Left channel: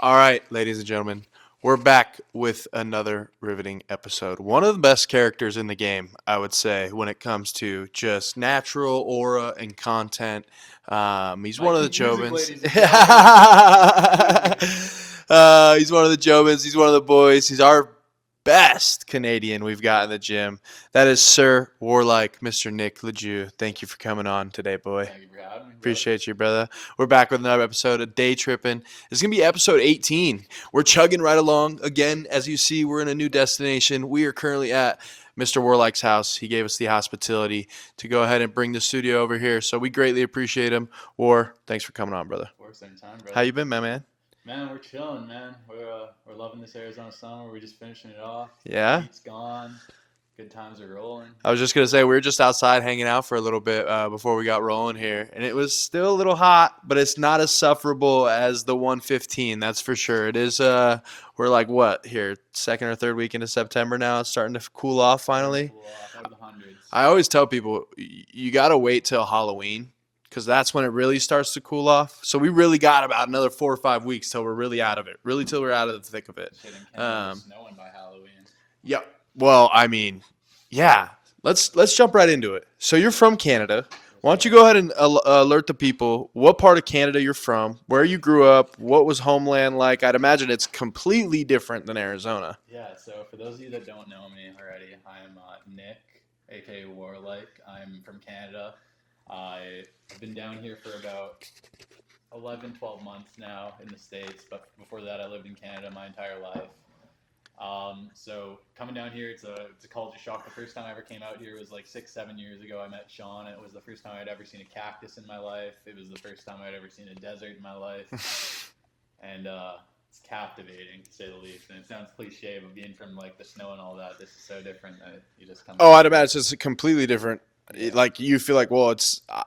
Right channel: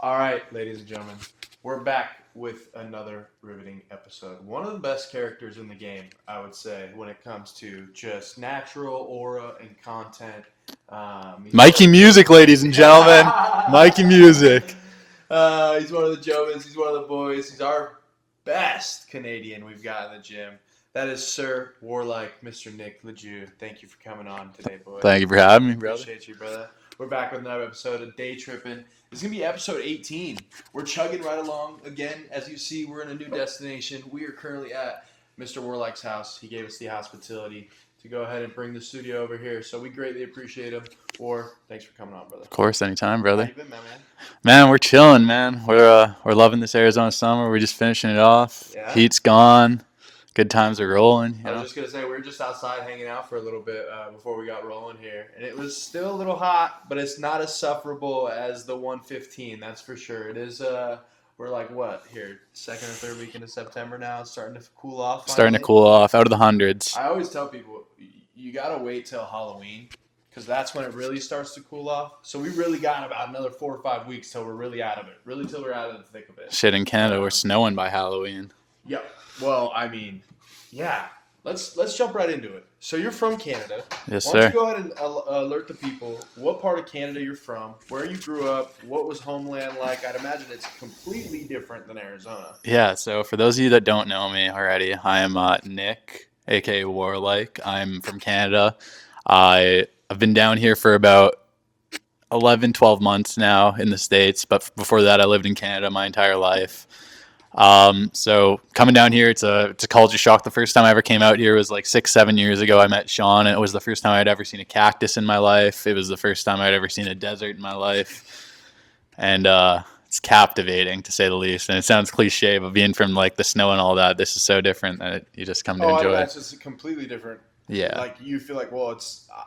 All right, ladies and gentlemen, we're back with another riveting episode. One of the best characters in the game, I would say, when it comes to just natural aura and content. He's one of Mikey the Music, Jovins. ladies and gentlemen. Mikey Music. He's one of the Jobins. He's one of the boys. He's our best Canadian we've got in the gym. That is Sir Warlike, Mr. Nick Lajoie. Thank you for coming on today, boy. Thank you for having me, brother. Appreciate you, brother. We're back with another episode of Day Tripping. It's going to be episode 18. We're chugging right along. Again, as you see, we're in a new destination. We are currently at Mr. Warlike's house. He gave us the hospitality to go ahead and bring the studio over here. So we greatly appreciate him. War, thanks for coming on, brother. Of course, anytime, brother. How you been, my man? Man, we're chilling, man. We're loving this Arizona summer. We're just finishing it off. Yeah? Heat's gone. Good times are rolling. I was just going to say, we were just outside hanging out for a little bit before we got rolling here. And it was still a little hot, but it's not as sufferable as the 115, that's for sure. It is, we're like, what, here, second or third week into September now? It's starting to cool off finally. Starting to cool off, out of the hundreds. I always tell people, you got to wait till Halloween because that's when it really starts to cool off. So we really got about another 4 or 5 weeks till we're really out of it. Really till we're out of the thick of it. Shit, in Canada, we're snowing by Halloween. Yep. Well, I mean, yeah. Let's jump right into it. So you're from Canada. Yes, Why don't sir. you go ahead and alert the people what part of Canada you're from, where you grew up, what was homeland like? I'd imagine it's completely different than Arizona. Yeah, so for those of you that don't know me already, I am Nick, a.k.a. Warlike. I'm from Canada. I've been down here for about 11, 12 months now in the States, but before that I lived in Canada my entire life. So coming down here, it's a culture shock. The first time I ever came out here was like 6-7 years ago. I met Sean, and it was the first time I'd ever seen a cactus in my life. It was the first time I'd ever seen a desert in my life. And it's captivating, to say the least. And it sounds cliche, but being from like the snow and all that, this is so different that you just come to Oh, I'd enjoy imagine it. it's just completely different. Yeah. Like you feel like, well,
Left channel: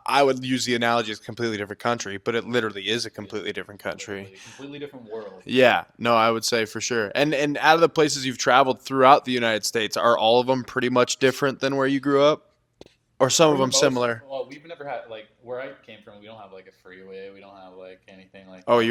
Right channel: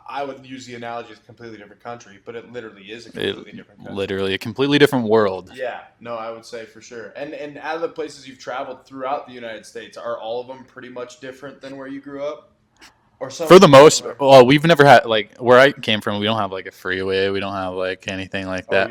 I would use the analogy as a completely different country, but it literally is a completely different country. Literally a completely different world. Yeah, no, I would say for sure. And out of the places you've traveled throughout the United States, are all of them pretty much different than where you grew up? Or some For of the them most, similar? well, we've never had, like, where I came from, we don't have like a freeway. We don't have like anything like Oh, that.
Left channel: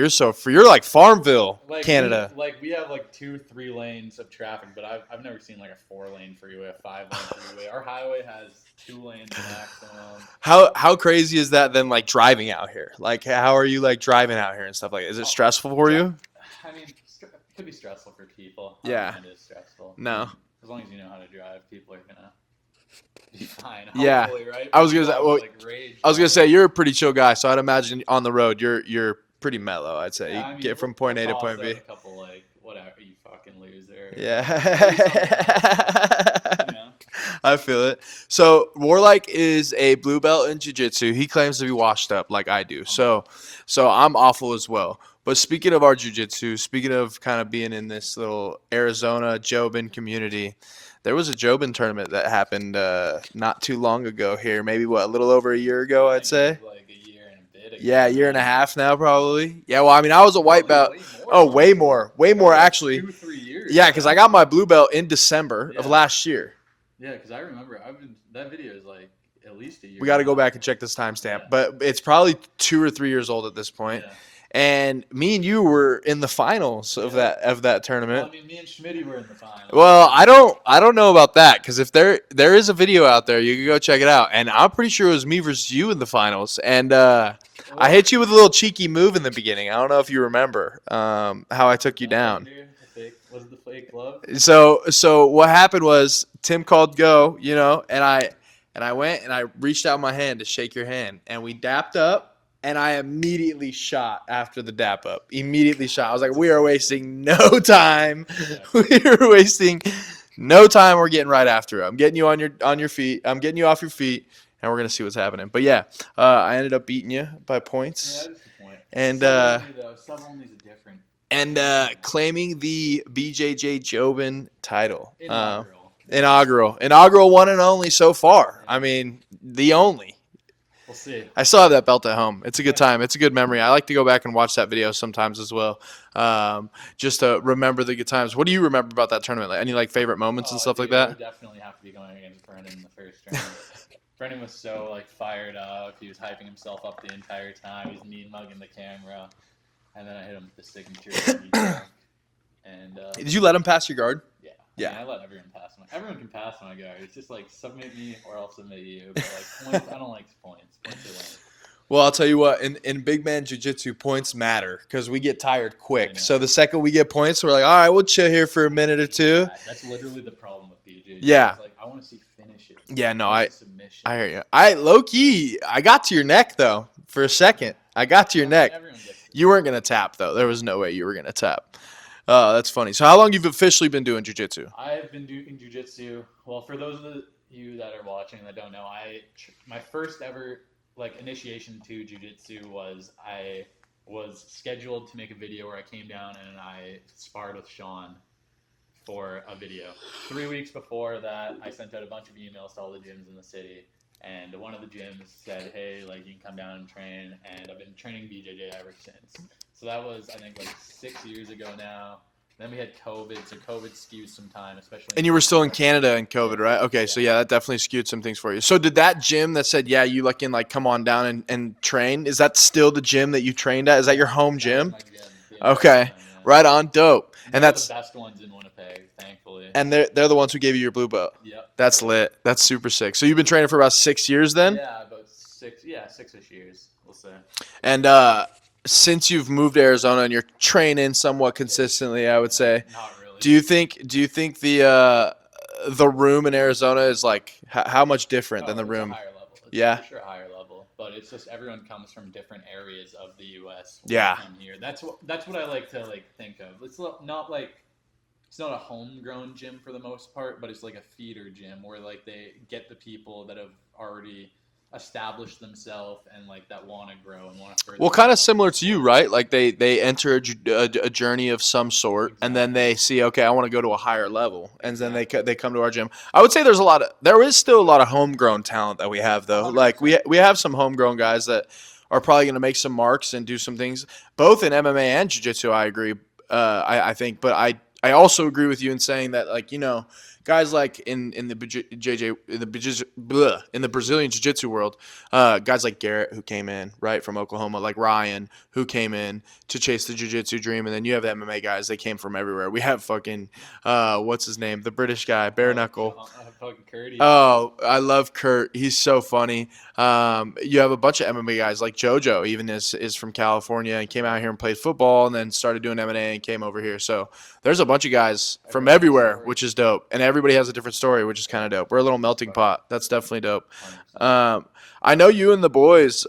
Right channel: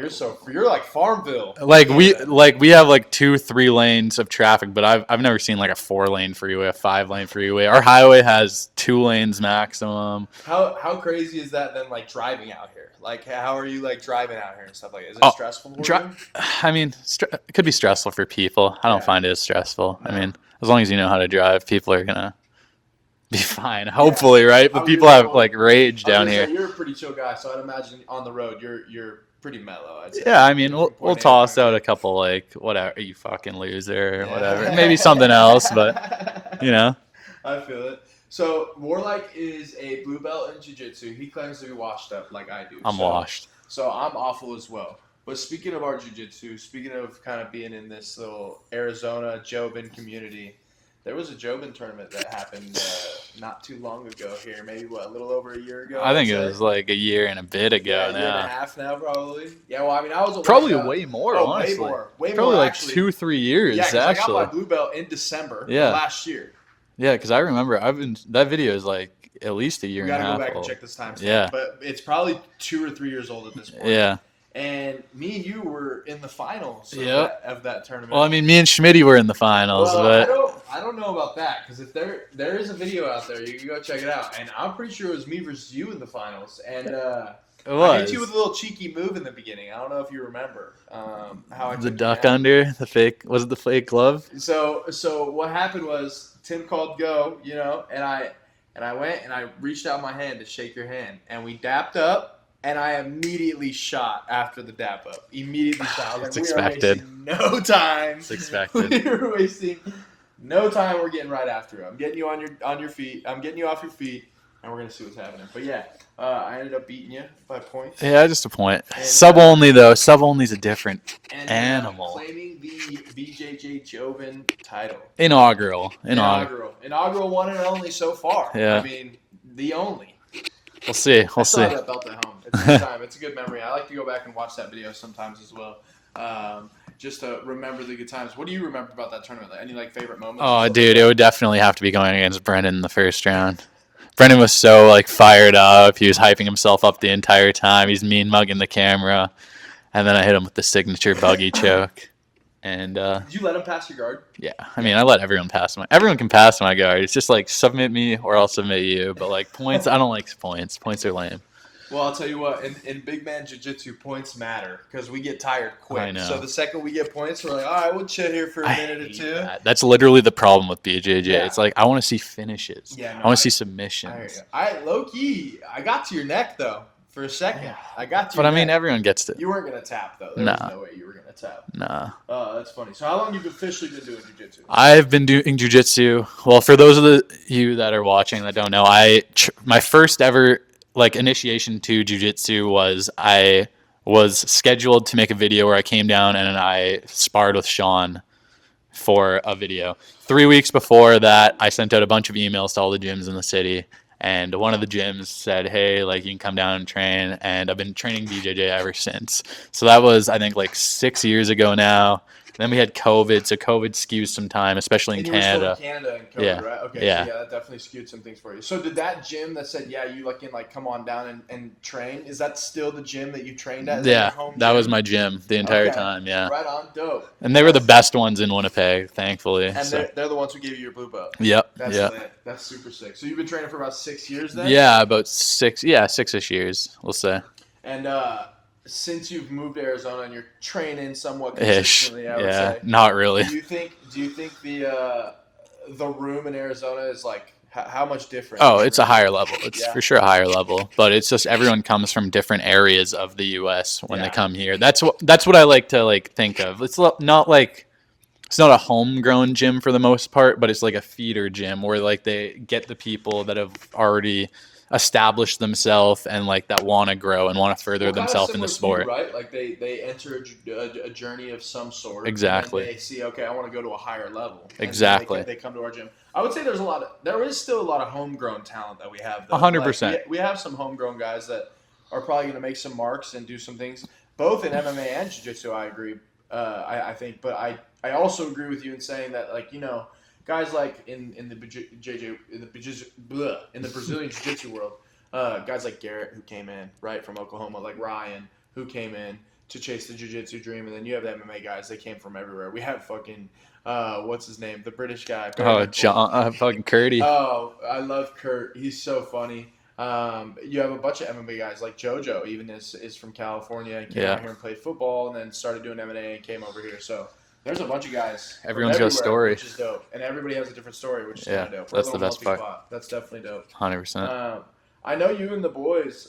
you're like Farmville. Like Canada. we have like 2-3 lanes of traffic, but I've never seen like a 4-lane freeway, a 5-lane freeway. Our highway has 2 lanes maximum. How crazy is that then, like driving out here? Like how are you like driving out here and stuff like that? Is it stressful for you? I mean, it could be stressful for people. I don't Yeah. find it as stressful. No. I mean, as long as you know how to drive, people are gonna be fine. Hopefully, right? I But was people gonna- have well, like rage. I was down gonna say here. you're a pretty chill guy, so I'd imagine on the road you're pretty mellow. I'd say. Yeah, I Get mean, from we'll point A to toss point out B. a couple like whatever, you fucking loser, or Yeah. whatever. Maybe something else, but you know. I feel it. So Warlike is a blue belt in jiu-jitsu. He claims to be washed up like I do. I'm so, washed. So I'm awful as well. But speaking of our jiu-jitsu, speaking of kind of being in this little Arizona jobin community, there was a jobin tournament that happened not too long ago here. Maybe, a little over a year ago, I I'd think say? it was like a year and a bit ago. Yeah, a year and a half now, probably. Yeah, well, I mean, I was a white Probably belt. way more. Oh, way honestly. more. Way Probably more, like actually. 2-3 years. Yeah, because I got my actually. blue belt in December Yeah. of last year. Yeah, because I remember that video is like at least a year. We got to and a go half back and old. check this timestamp. Yeah. But it's probably 2 or 3 years old at this point. Yeah. And me and you were in the finals of that tournament. Well, I mean, me and Schmitty were in the finals. Well, but I don't know about that because if there is a video out there, you can go check it out. And I'm pretty sure it was me versus you in the finals. And I hit you with a little cheeky move in the beginning. I don't know if you remember how I the took you duck down. under the fake. Was it the fake glove? So what happened was Tim called go, and I went and I reached out my hand to shake your hand, and we dapped up. And I immediately shot after the dap up. Immediately shot. I was like, It's we are expected. wasting no time. It's expected. We are wasting no time. We're getting right after it. I'm getting you on your feet. I'm getting you off your feet, and we're gonna see what's happening. But yeah, I ended up beating you by points. Yeah, just a point. And, Sub only though. Sub only's a different And animal. claiming the BJJ Jobin title. Inaugural. Inaugural one and only so far. Yeah. I mean, the only. We'll see. I still have that belt at home. It's a good time. It's a good memory. I like to go back and watch that video sometimes as well, just to remember the good times. What do you remember about that tournament? Like, any favorite moments? and Oh, stuff dude, like that? it would definitely have to be going against Brendan in the first round. Brendan was so fired up. He was hyping himself up the entire time. He's mean mugging the camera. and then I hit him with the signature buggy choke. And Did you let him pass your guard? yeah, I mean, I let everyone pass everyone can pass my guard. It's just like submit me or I'll submit you. But like points, I don't like points. Points are lame. Well, I'll tell you what, in big man jiu-jitsu, points matter because we get tired I quick. know. So the second we get points, we're like, all right, we'll chill here for a minute or two. That's literally the problem with BJJ. Yeah. It's like I want to see finishes. Yeah, no, I want to see submissions. I hear you. Low key, I got to your neck though for a second. I got to your But neck. I mean, everyone gets to. You weren't gonna tap though. There was Nah. no way you were gonna tap. Nah. Oh, that's funny. So how long you've officially been doing jiu-jitsu? I've been doing jiu-jitsu. Well, for those of you that are watching that don't know, my first ever like initiation to jiu-jitsu was I was scheduled to make a video where I came down and I sparred with Sean for a video. 3 weeks before that, I sent out a bunch of emails to all the gyms in the city, and one of the gyms said, hey, like you can come down and train, and I've been training BJJ ever since. So that was, I think, like 6 years ago now. Then we had COVID, so COVID skews some time, especially in And you Canada. were still in Canada in COVID, Yeah. right? Okay, so Yeah. yeah, that definitely skewed some things for you. So did that gym that said, yeah, you can like come on down and train, is that still the gym that you trained at? Is that your home gym? That was my gym the entire Okay, time, yeah. right on, dope. And they were the that's- best ones in Winnipeg, thankfully. And so. they're the ones who gave you your blue belt. Yep. That's yep. lit. That's super sick. So you've been training for about 6 years then? Yeah, about 6-ish years, we'll say. And since you've moved to Arizona and you're training somewhat consistently, I would Yeah, say. not really. Do you think the room in Arizona is like how much different? Oh, than the it's a room? higher level. It's Yeah. for sure a higher level. But it's just everyone comes from different areas of the U.S. when Yeah. they come here. That's what I like to like think of. It's not like it's not a homegrown gym for the most part, but it's like a feeder gym where like they get the people that have already established themselves and like that want to grow and want to further. Well, kind of themselves in the similar to you, sport. right? Like they enter a journey of some sort, and then Exactly. they see, okay, I want to go to a higher level. And then Exactly. they come to our gym. I would say there is still a lot of homegrown talent that we have, though. 100%. Like we have some homegrown guys that are probably going to make some marks and do some things, both in MMA and jiu-jitsu. I agree. I think, but I also agree with you in saying that, like, you know, guys like in the Brazilian jiu-jitsu world, guys like Garrett who came in right from Oklahoma, like Ryan who came in to chase the jiu-jitsu dream, and then you have the MMA guys. They came from everywhere. We have fucking what's his name, the British guy, Bare Oh, Knuckle. John, fucking Curdy. Oh, I love Kurt. He's so funny. You have a bunch of MMA guys like JoJo, even is from California and came Yeah. out here and played football and then started doing M&A and came over here. So there's a bunch of guys Everyone's from got a everywhere, story. which is dope. And everybody has a different story, which is Yeah, kind of dope. We're a that's little the best melting part. pot. That's definitely dope. 100%. I know you and the boys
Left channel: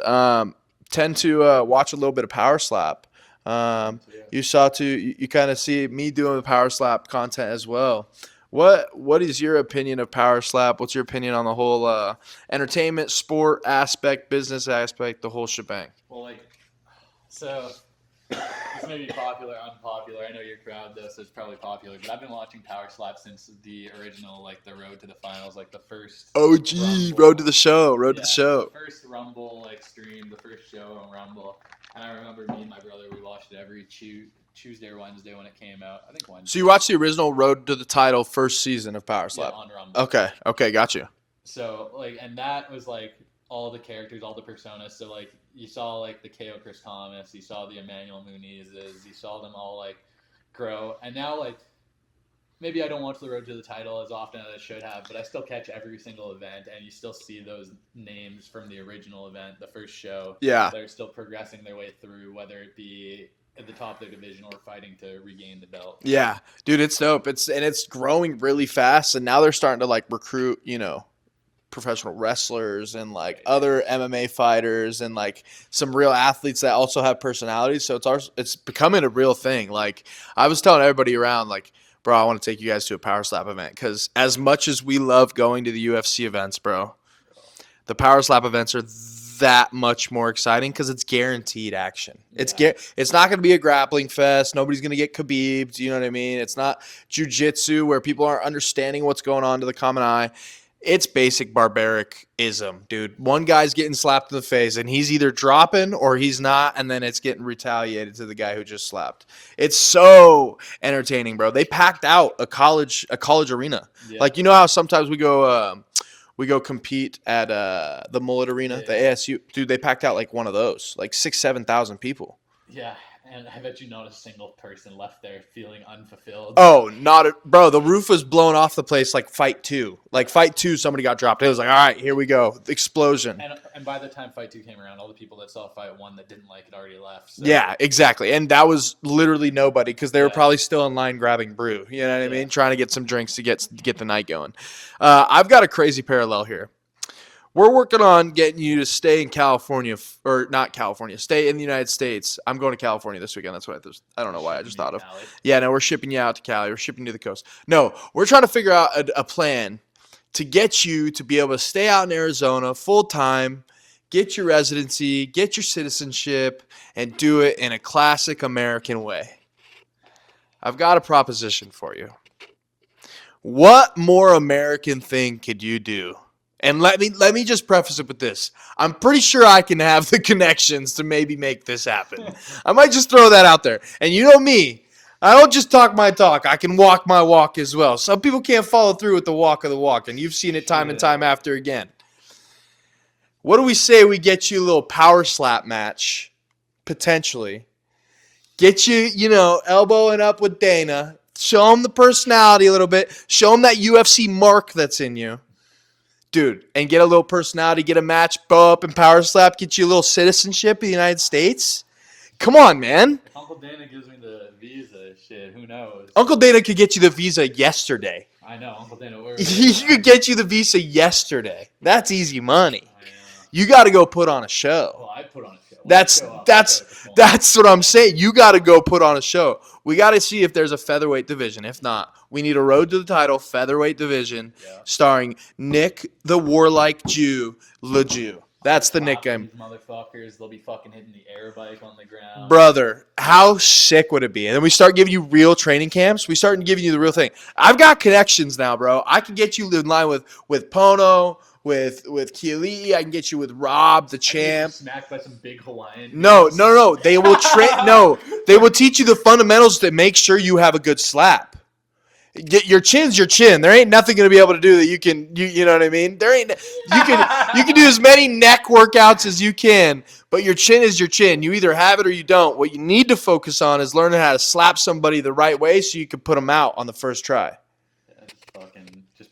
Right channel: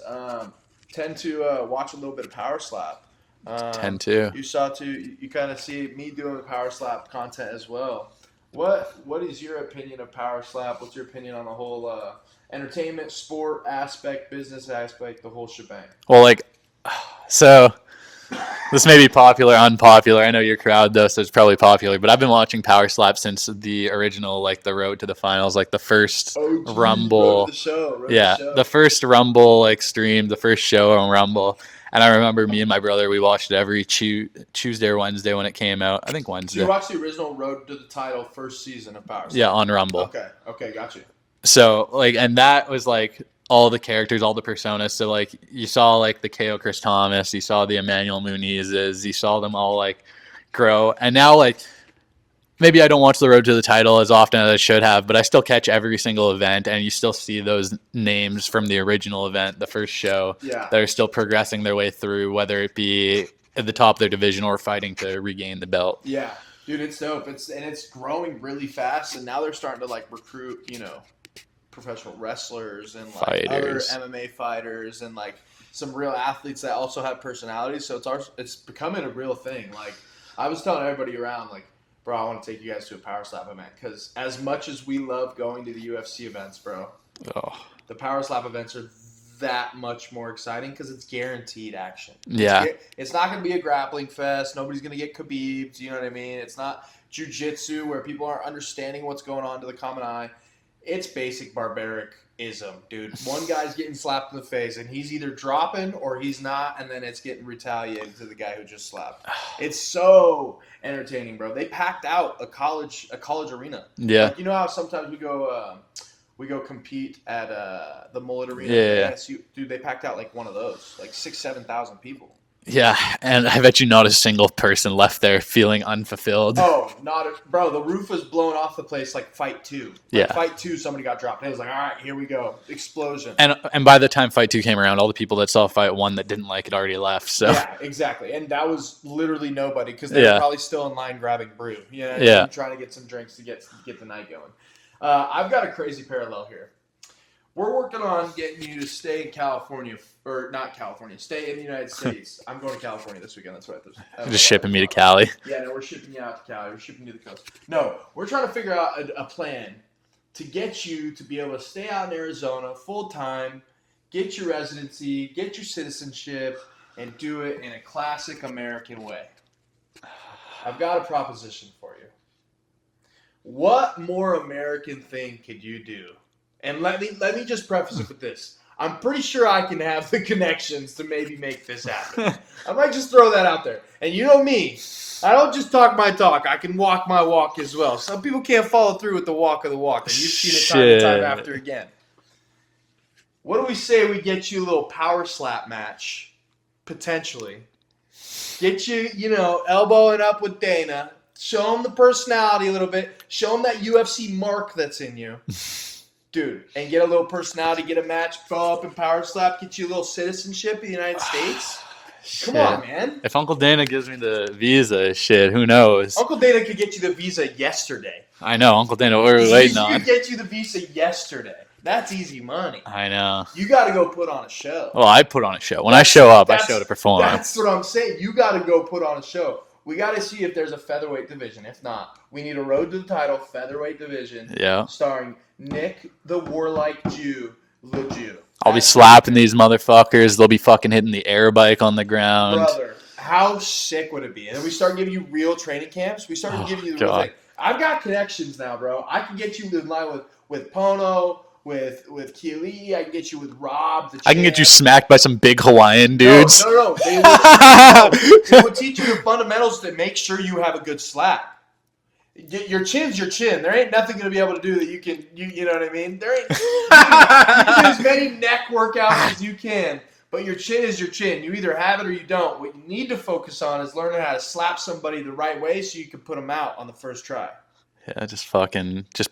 tend to watch a little bit of Powerslap. Tend to. You kind of see me doing the Powerslap content as well. What is your opinion of Powerslap? What's your opinion on the whole entertainment, sport aspect, business aspect, the whole shebang? Well, like, so this may be popular, unpopular. I know your crowd though, so it's probably popular. But I've been watching Powerslap since the original, like the Road to the Finals, like the first OG, Rumble. Road to the show, Road to yeah, the show. the first Rumble like stream, the first show on Rumble. And I remember me and my brother, we watched it every Tuesday or Wednesday when it came out. I think Wednesday. So you watched the original Road to the Title first season of Powerslap? Yeah, on Rumble. Okay, got you. So like, and that was like all the characters, all the personas. So like, you saw like the KO Chris Thomas, you saw the Emmanuel Munizes, you saw them all like grow. And now like, maybe I don't watch the Road to the Title as often as I should have, but I still catch every single event, and you still see those names from the original event, the first show. Yeah. That are still progressing their way through, whether it be at the top of their division or fighting to regain the belt. Yeah, dude, it's dope. It's growing really fast, and now they're starting to like recruit, you know, professional wrestlers and like other Fighters. MMA fighters and like some real athletes that also have personalities. So it's becoming a real thing. Like I was telling everybody around, like, bro, I want to take you guys to a Powerslap event because as much as we love going to the UFC events, bro, Oh. the Powerslap events are that much more exciting because it's guaranteed action. Yeah. It's not going to be a grappling fest. Nobody's going to get khabibed. You know what I mean? It's not jiu-jitsu where people aren't understanding what's going on to the common eye. It's basic barbaric-ism, dude. One guy's getting slapped in the face, and he's either dropping or he's not, and then it's getting retaliated to the guy who just slapped. It's so entertaining, bro. They packed out a college arena. Yeah. Like, you know how sometimes we go compete at the Mullet Arena at the Yeah. ASU. Dude, they packed out like one of those, like 6,000-7,000 people. Yeah, and I bet you not a single person left there feeling unfulfilled. Oh, bro. The roof was blown off the place like fight 2. Like Yeah. fight 2, somebody got dropped. It was like, all right, here we go. Explosion. And by the time fight 2 came around, all the people that saw fight 1 that didn't like it already left. So Yeah, exactly. And that was literally nobody because they were probably still in line grabbing brew. You know what I mean? Trying to get some drinks to get the night going. I've got a crazy parallel here. We're working on getting you to stay in California, or not California, stay in the United States. I'm going to California this weekend. That's why I don't know just why I shipping me to thought of. Cali. Yeah, no, we're shipping you out to Cali. We're shipping you to the coast. No, we're trying to figure out a plan to get you to be able to stay out in Arizona full time, get your residency, get your citizenship, and do it in a classic American way. I've got a proposition for you. What more American thing could you do? And let me just preface it with this. I'm pretty sure I can have the connections to maybe make this happen. I might just throw that out there. And you know me, I don't just talk my talk. I can walk my walk as well. Some people can't follow through with the walk of the walk, and you've seen it time and time after again. What do we say we get you a little power slap match, potentially? Get you, elbowing up with Dana. Show him the personality a little bit. Show him that UFC mark that's in you. Dude, and get a little personality, get a match, bow up and power slap, get you a little citizenship in the United States. Come on, man. If Uncle Dana gives me the visa, shit, who knows? Uncle Dana could get you the visa yesterday. I know, Uncle Dana, what are we waiting on? He could get you the visa yesterday. That's easy money. I know. You got to go put on a show. Well, I put on a show. When I show up, I show to perform. That's what I'm saying. You got to go put on a show. We got to see if there's a featherweight division. If not, we need a road to the title featherweight division. Yeah. Starring Nick the Warlike Jew, Lajoie. I'll be slapping these motherfuckers. They'll be fucking hitting the air bike on the ground. Brother, how sick would it be? And then we start giving you real training camps. We start giving you the real thing. I've got connections now, bro. I can get you in line with Pono, with Keely. I can get you with Rob, the champ. I can get you smacked by some big Hawaiian dudes. No. They will train. They will teach you the fundamentals to make sure you have a good slap. Your chin's your chin. There ain't nothing gonna be able to do that you know what I mean? There ain't you can do as many neck workouts as you can, but your chin is your chin. You either have it or you don't. What you need to focus on is learning how to slap somebody the right way so you can put them out on the first try. Yeah, just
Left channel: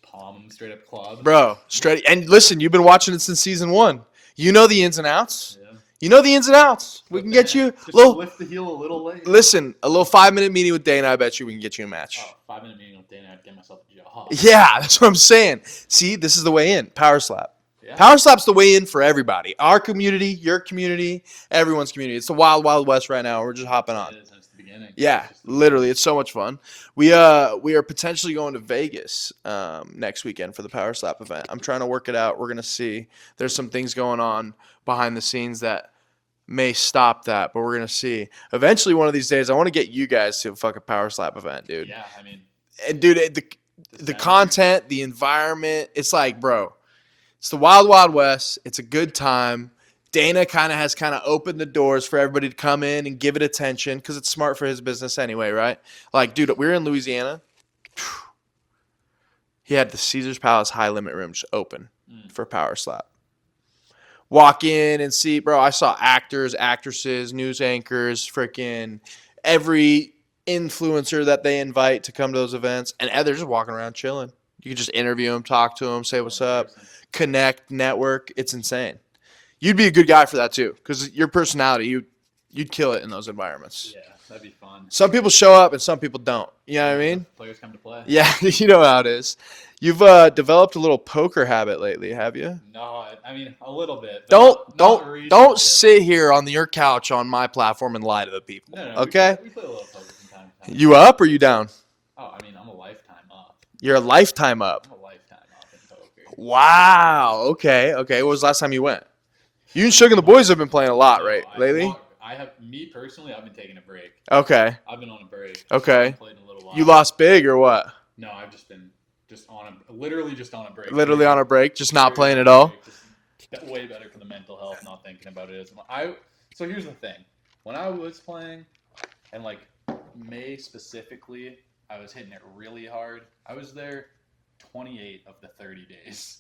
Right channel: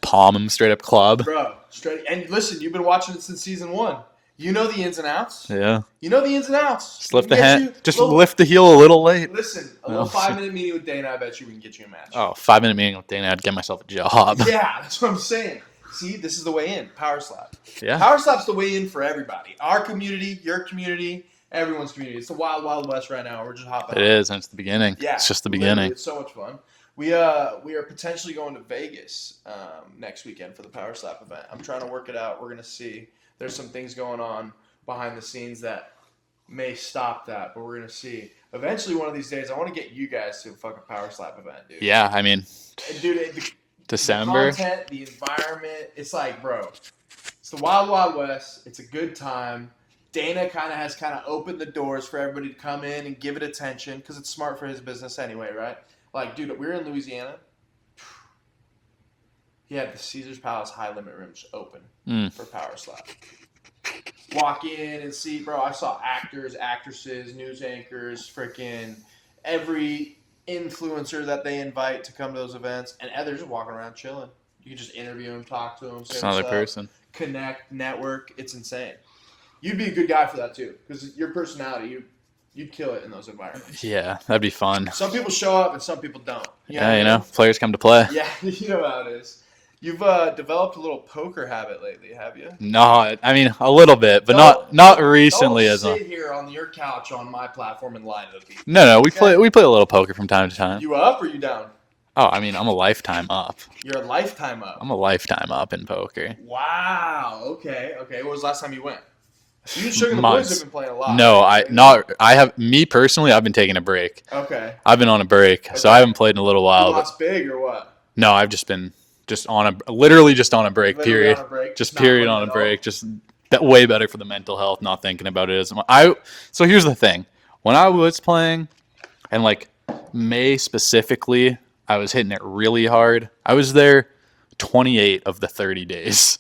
palm them straight up club. Bro, straight. And listen, you've been watching it since season 1. You know the ins and outs. Yeah. You know the ins and outs. Just lift the hand. Lift the heel a little late. Listen, a little 5-minute meeting with Dana, I bet you we can get you a match. Oh, 5-minute meeting with Dana, I'd get myself a job. Yeah, that's what I'm saying. See, this is the way in. Power slap. Yeah. Power slap's the way in for everybody. Our community, your community, everyone's community. It's the wild, wild west right now. We're just hopping on. It is, and it's the beginning. Yeah, it's just the beginning. Literally, it's so much fun. We are potentially going to Vegas next weekend for the Power Slap event. I'm trying to work it out. We're gonna see. There's some things going on behind the scenes that may stop that, but we're gonna see. Eventually, one of these days, I want to get you guys to a fucking Power Slap event, dude. Yeah, I mean, and dude, the content, the environment, it's like, bro, it's the wild, wild west. It's a good time. Dana has opened the doors for everybody to come in and give it attention because it's smart for his business anyway, right? Like, dude, we were in Louisiana. He had the Caesar's Palace high limit rooms open for Power Slap. Walk in and see, bro, I saw actors, actresses, news anchors, freaking every influencer that they invite to come to those events. And they're just walking around chilling. You can just interview them, talk to them, say what's up, connect, network. It's insane. You'd be a good guy for that too, because your personality, you'd kill it in those environments. Yeah, that'd be fun. Some people show up and some people don't. Players come to play. Yeah, you know how it is. You've developed a little poker habit lately, have you? No, I mean a little bit, but not recently. Don't sit here on your couch on my platform and lie to the people. No, okay? we play a little poker from time to time. You up or you down? Oh, I mean, I'm a lifetime up. You're a lifetime up. I'm a lifetime up in poker. Wow. Okay. When was the last time you went? You and Sugar and the boys have been playing a lot. No, right? Me personally, I've been taking a break. Okay. I've been on a break, so I haven't played in a little while. You lost big or what? No, I've just been literally just on a break. Literally period. On a break, just not playing at all. Break, just way better for the mental health, not thinking about it as much. So here's the thing: when I was playing, and like May specifically, I was hitting it really hard. I was there 28 of the 30 days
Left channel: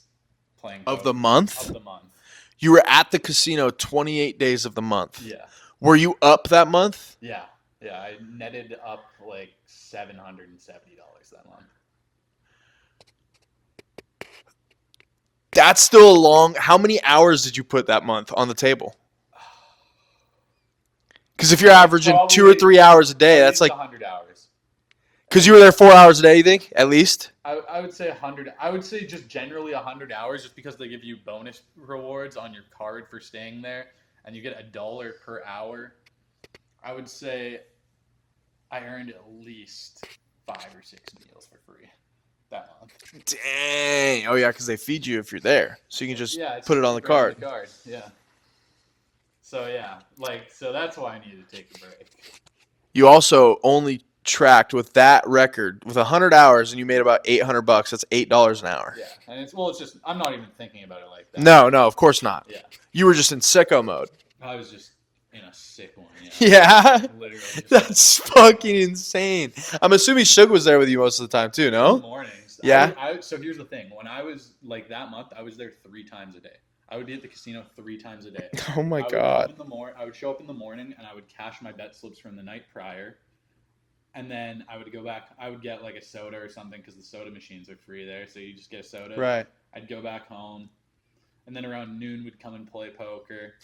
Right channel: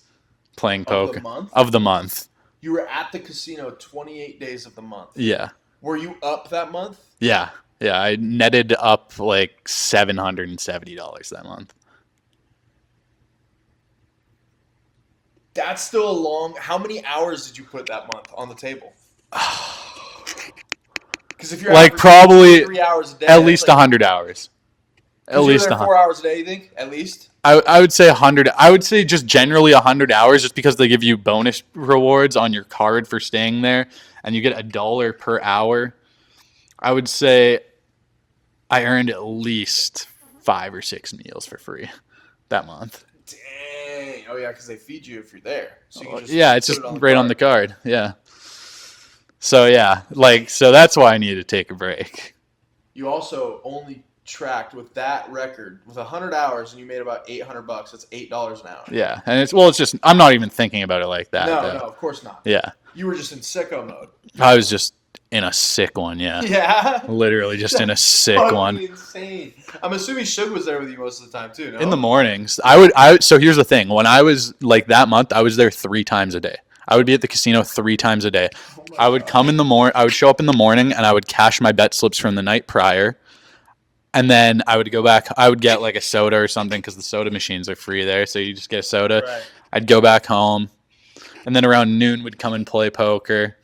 playing poker. Of the month? Of the month. You were at the casino 28 days of the month. Yeah. Were you up that month? Yeah. Yeah. I netted up like $770 that month. That's still a long. How many hours did you put that month on the table? Because if you're Like, averaging 2 or probably 3 hours a day, At that's least like 100 hours. because At you were least there 4 hours a day. You think at least? I would say 100. I would say just generally 100 hours, just because they give you bonus rewards on your card for staying there, and you get $1 per hour. I would say I earned at least 5 or 6 meals for free that month. Dang. Oh yeah, because they feed you if you're there, so you can just Yeah, it's put just it on the right card. on the card. Yeah. So yeah, so that's why I need to take a break. You also only tracked with that record with 100 hours, and you made about $800. That's $8 an hour. Yeah, and it's just I'm not even thinking about it like that. No, of course not. Yeah, You were just in sicko mode. I was just in a sick one. Yeah. Yeah. Literally just in a That's sick fucking one. insane. I'm assuming Suge was there with you most of the time too, no? In the mornings. Yeah. So here's the thing. When I was like that month, I was there 3 times a day. I would be at the casino 3 times a day. Oh my I would God. come in the morning. I would show up in the morning and I would cash my bet slips from the night prior. And then I would go back. I would get like a soda or something because the soda machines are free there. So you just get a soda. Right. I'd go back home. And then around noon, we'd come and play poker.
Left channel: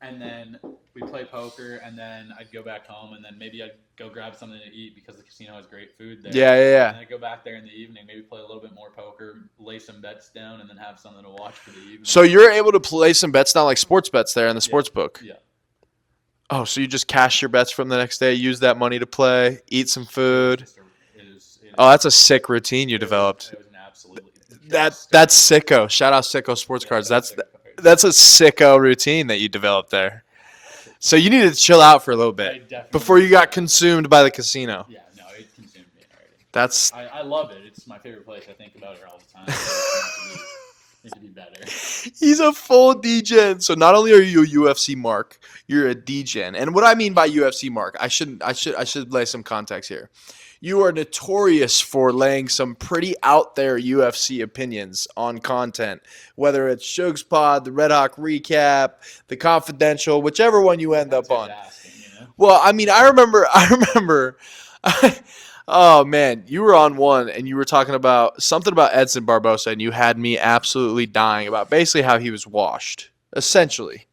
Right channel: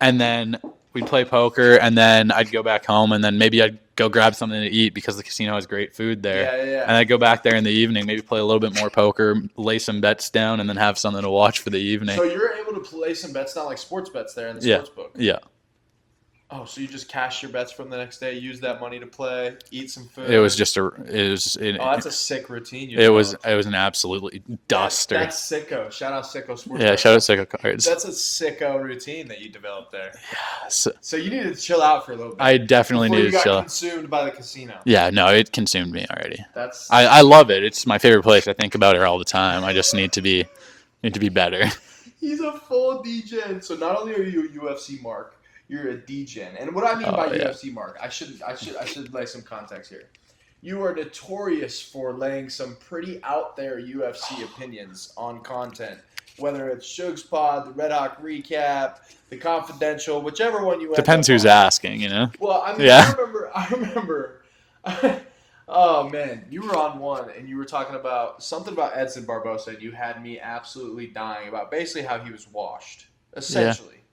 And then we'd play poker. And then I'd go back home. And then maybe I'd go grab something to eat because the casino has great food there. Yeah. And I'd go back there in the evening, maybe play a little bit more poker, lay some bets down, and then have something to watch for the evening. So you're able to play some bets down, like sports bets there in the sports book. Yeah. Oh, so you just cash your bets from the next day, use that money to play, eat some food. It was just Oh, that's a sick routine you developed. It was an absolutely That's duster. sicko. Shout out Sicko Sports yeah, Cards. shout out That's, Sicko Cards. that's a sicko routine that you developed there. So you needed to chill out for a little bit. I definitely before you needed to got chill. consumed by the casino. Yeah, no, it consumed me already. That's I love it. It's my favorite place. I think about it all the time. I just need to be better. he's a full DGen. So not only are you a UFC mark, you're a DGen. And what I mean by yeah. UFC mark, I should lay some context here. You are notorious for laying some pretty out there UFC opinions on content, whether it's Suge's Pod, the Red Hawk Recap, the Confidential, whichever one you end Depends up who's on. asking, you know. Well, I mean, Yeah. I remember. Oh man, you were on one and you were talking about something about Edson Barbosa, and you had me absolutely dying about basically how he was washed, essentially.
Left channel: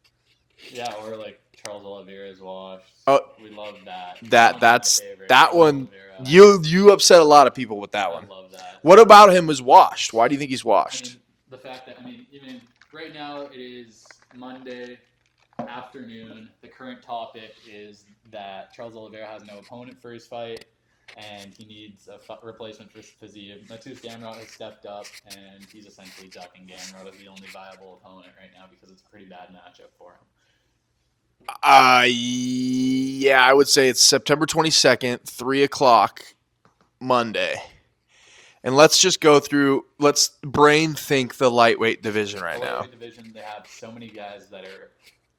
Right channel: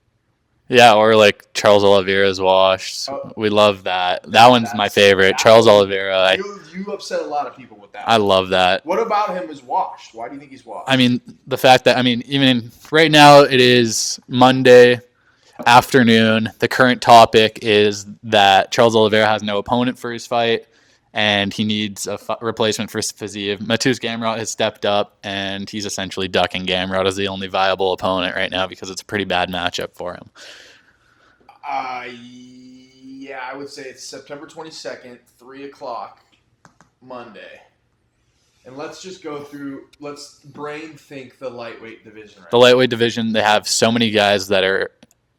Yeah, or like Charles Oliveira's washed. Oh, We love that. That one's my that's- favorite. that Charles one- Oliveira. You upset a lot of people with that I one. love that. What about him was washed? Why do you think he's washed? I mean, the fact that even right now it is Monday afternoon. The current topic is that Charles Oliveira has no opponent for his fight, and he needs a replacement for Fiziev. Mateusz Gamrot has stepped up, and he's essentially ducking Gamrot as the only viable opponent right now because it's a pretty bad matchup for him. Yeah, I would say it's September 22nd, 3:00 Monday. And let's just go through. Let's brain think the lightweight division right The lightweight division, they have so many guys that are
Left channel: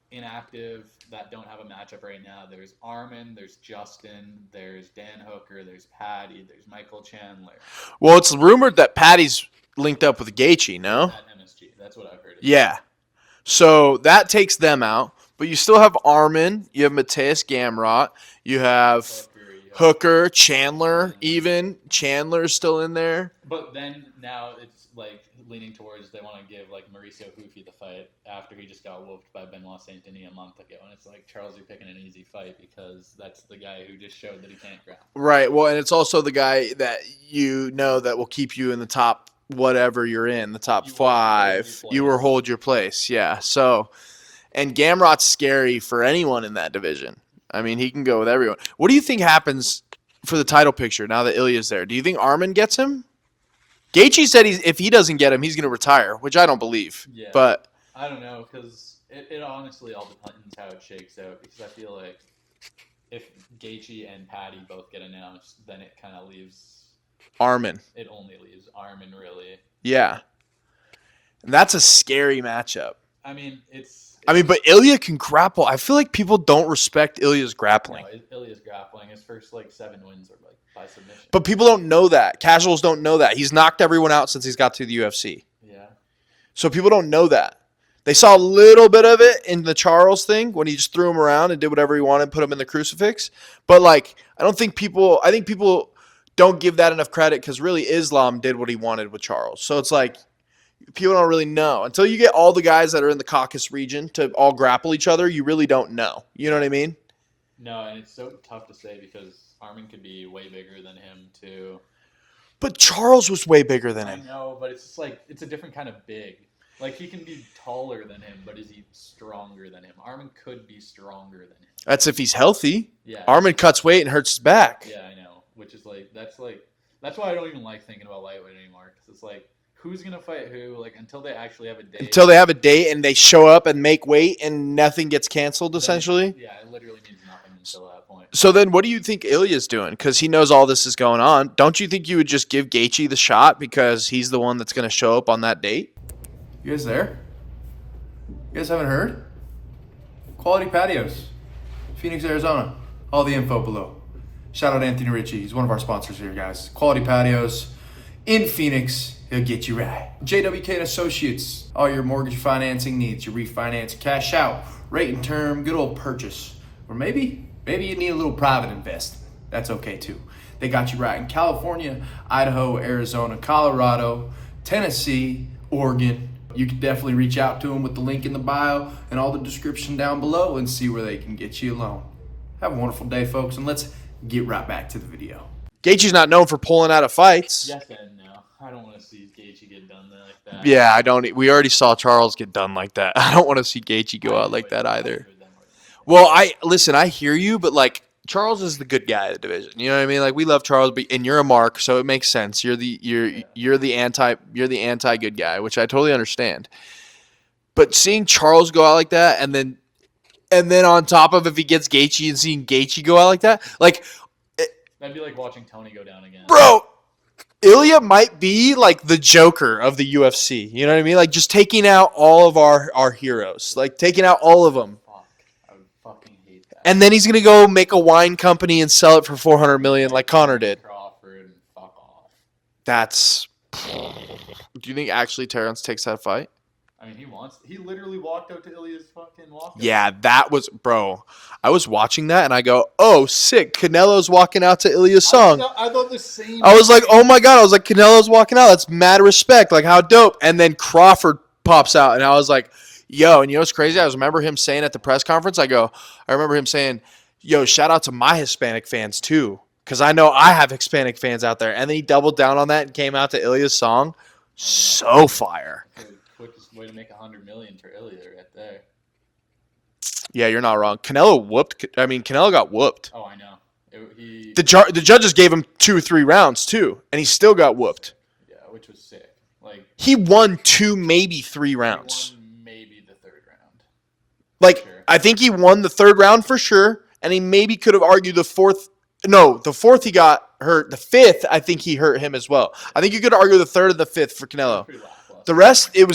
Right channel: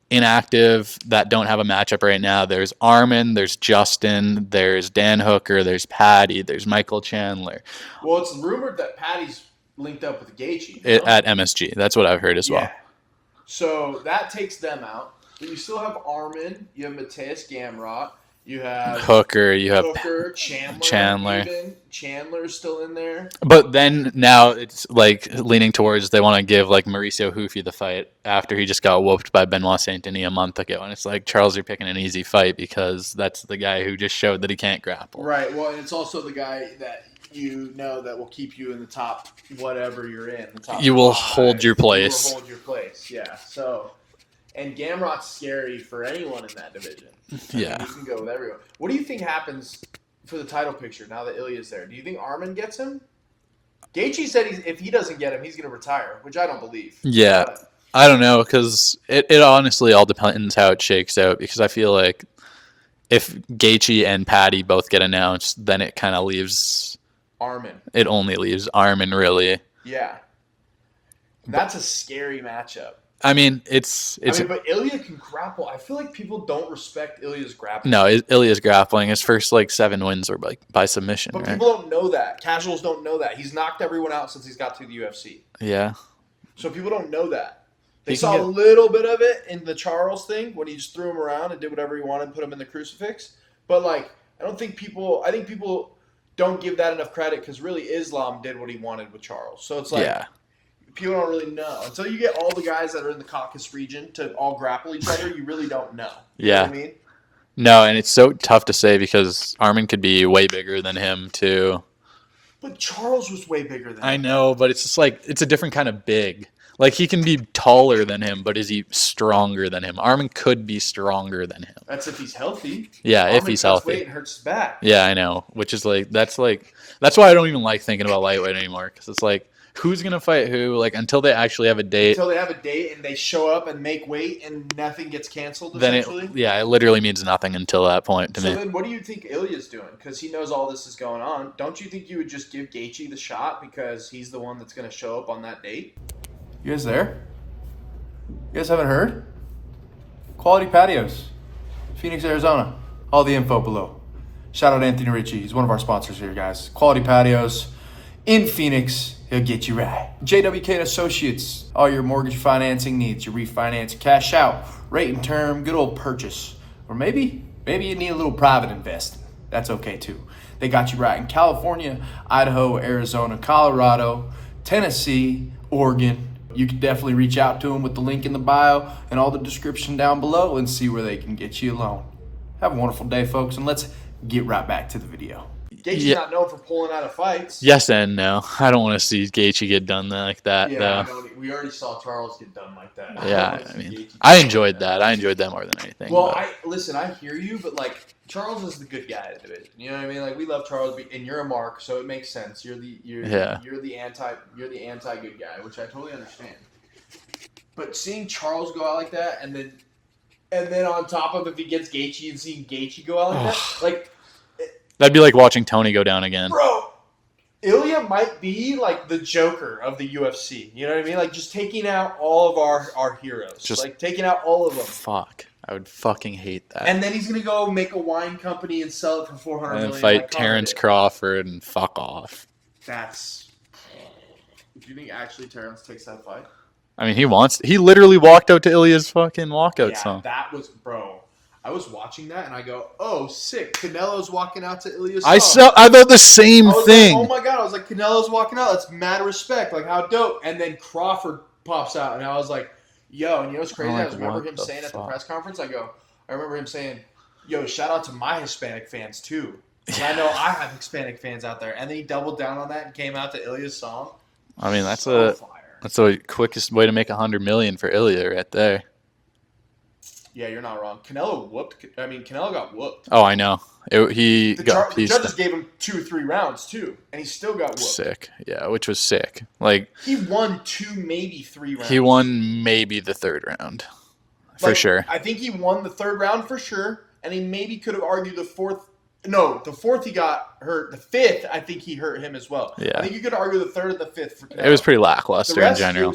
inactive that don't have a matchup right now. There's Armin, there's Justin, there's Dan Hooker, there's Patty, there's Michael Chandler. Well, it's rumored that Patty's linked up with Gaethje, no? At MSG. That's what I've heard as well. Yeah. So that takes them out. But you still have Armin. You have Mateusz Gamrot. You have Hooker, you have Hooker, Chandler. Chandler. Even Chandler's still in there. But then now it's like leaning towards they want to give like Mauricio Hoofy the fight after he just got whooped by Benoit Saint Denis a month ago. And it's like, Charles, you're picking an easy fight because that's the guy who just showed that he can't grapple. Right. Well, and it's also the guy that you know that will keep you in the top whatever you're in, the top You will five. hold your place. You will hold your place, yeah. So, and Gamrot's scary for anyone in that division. I mean, he can go with everyone. What do you think happens for the title picture now that Ilya's there? Do you think Armin gets him? Gaethje said if he doesn't get him, he's going to retire, which I don't believe. Yeah. But I don't know because it honestly all depends how it shakes out because I feel like if Gaethje and Patty both get announced, then it kind of leaves Armin. It only leaves Armin, really. Yeah. And that's a scary matchup. I mean, it's but Ilya can grapple. I feel like people don't respect Ilya's grappling. no, Ilya's grappling. His first like 7 wins were like by submission. But right? people don't know that. Casuals don't know that. He's knocked everyone out since he's got to the UFC. Yeah. So people don't know that. They saw a little bit of it in the Charles thing when he just threw him around and did whatever he wanted, put him in the crucifix. But like, I think people don't give that enough credit because really Islam did what he wanted with Charles. So it's like people don't really know until you get all the guys that are in the Caucasus region to all grapple each other. You really don't know. You know what I mean? No, and it's so tough to say because Armin could be way bigger than him too. But Charles was way bigger than him. I know, but it's just like it's a different kind of big. Like he can be taller than him, but is he stronger than him? Armin could be stronger than him. That's if he's healthy. Yeah, Armin cuts weight and hurts his back. Yeah, I know. Which is that's why I don't even like thinking about lightweight anymore because it's like who's gonna fight who? Like until they actually have a date. Until they have a date and they show up and make weight and nothing gets canceled. Essentially. It literally means nothing until that point. So then, what do you think Ilya's doing? Because he knows all this is going on. Don't you think you would just give Gaethje the shot because he's the one that's gonna show up on that date? You guys there? You guys haven't heard? Quality Patios, Phoenix, Arizona. All the info below. Shout out Anthony Richie. He's one of our sponsors here, guys. Quality Patios in Phoenix. He'll get you right. JWK and Associates. All your mortgage financing needs. Your refinance, cash out, rate and term, good old purchase. Or maybe you need a little private investing. That's okay too. They got you right in California, Idaho, Arizona, Colorado, Tennessee, Oregon. You can definitely reach out to them with the link in the bio and all the description down below and see where they can get you a loan. Have a wonderful day, folks, and let's get right back to the video. Gaethje's not known for pulling out of fights. Yes and no. I don't want to see Gaethje get done like that. Yeah, I don't. We already saw Charles get done like that. I don't want to see Gaethje get I enjoyed like that. I enjoyed that more than anything. Well, I hear you, but like Charles is the good guy of the division. You know what I mean? Like we love Charles, and you're a mark, so it makes sense. You're the anti good guy, which I totally understand. But seeing Charles go out like that, and then on top of if he gets Gaethje and seeing Gaethje go out like that, like that'd be like watching Tony go down again. Bro, Ilya might be like the Joker of the UFC. You know what I mean? Like just taking out all of our heroes. Just like taking out all of them. Fuck. I would fucking hate that. And then he's gonna go make a wine company and sell it for $400 million like Conor Terrence did. Crawford and fuck off. That's. Do you think actually Terrence takes that fight? I mean, he literally walked out to Ilya's fucking walkout. Yeah, song. that was, bro. I was watching that and I go, oh, sick. Canelo's walking out to Ilya's song. I thought the same thing. I was like, oh my God. I was like, Canelo's walking out. That's mad respect. Like, how dope. And then Crawford pops out and I was like, yo, and you know what's crazy? I remember him saying at the press conference, I remember him saying, yo, shout out to my Hispanic fans too. Because I know I have Hispanic fans out there. And then he doubled down on that and came out to Ilya's song. I mean, that's so fire. That's the quickest way to make $100 million for Ilya right there. Yeah, you're not wrong. Canelo got whooped. Oh, I know. The judges gave him 2 or 3 rounds too, and he still got whooped. Sick. Yeah, which was sick. Like he won 2, maybe 3 rounds. He won maybe the 3rd round. For sure. I think he won the 3rd round for sure, and he maybe could have argued the 4th. No, the 4th he got hurt. The 5th, I think he hurt him as well. Yeah. I think you could argue the 3rd and the 5th for Canelo. It was pretty lackluster. The rest, it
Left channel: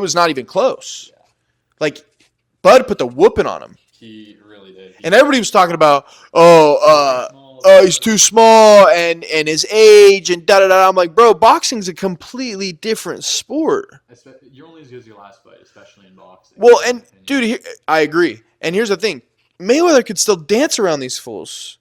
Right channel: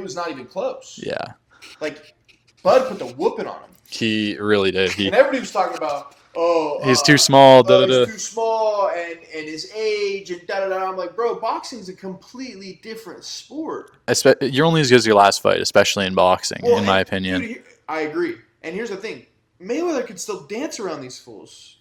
was not even close. Yeah. Like, Bud put the whooping on him. He really did. And everybody was talking about, he's too small. He's too small, and his age, and da-da-da. I'm like, bro, boxing's a completely different sport. You're only as good as your last fight, especially in boxing, in my opinion. Dude, I agree. And here's the thing. Mayweather could still dance around these fools.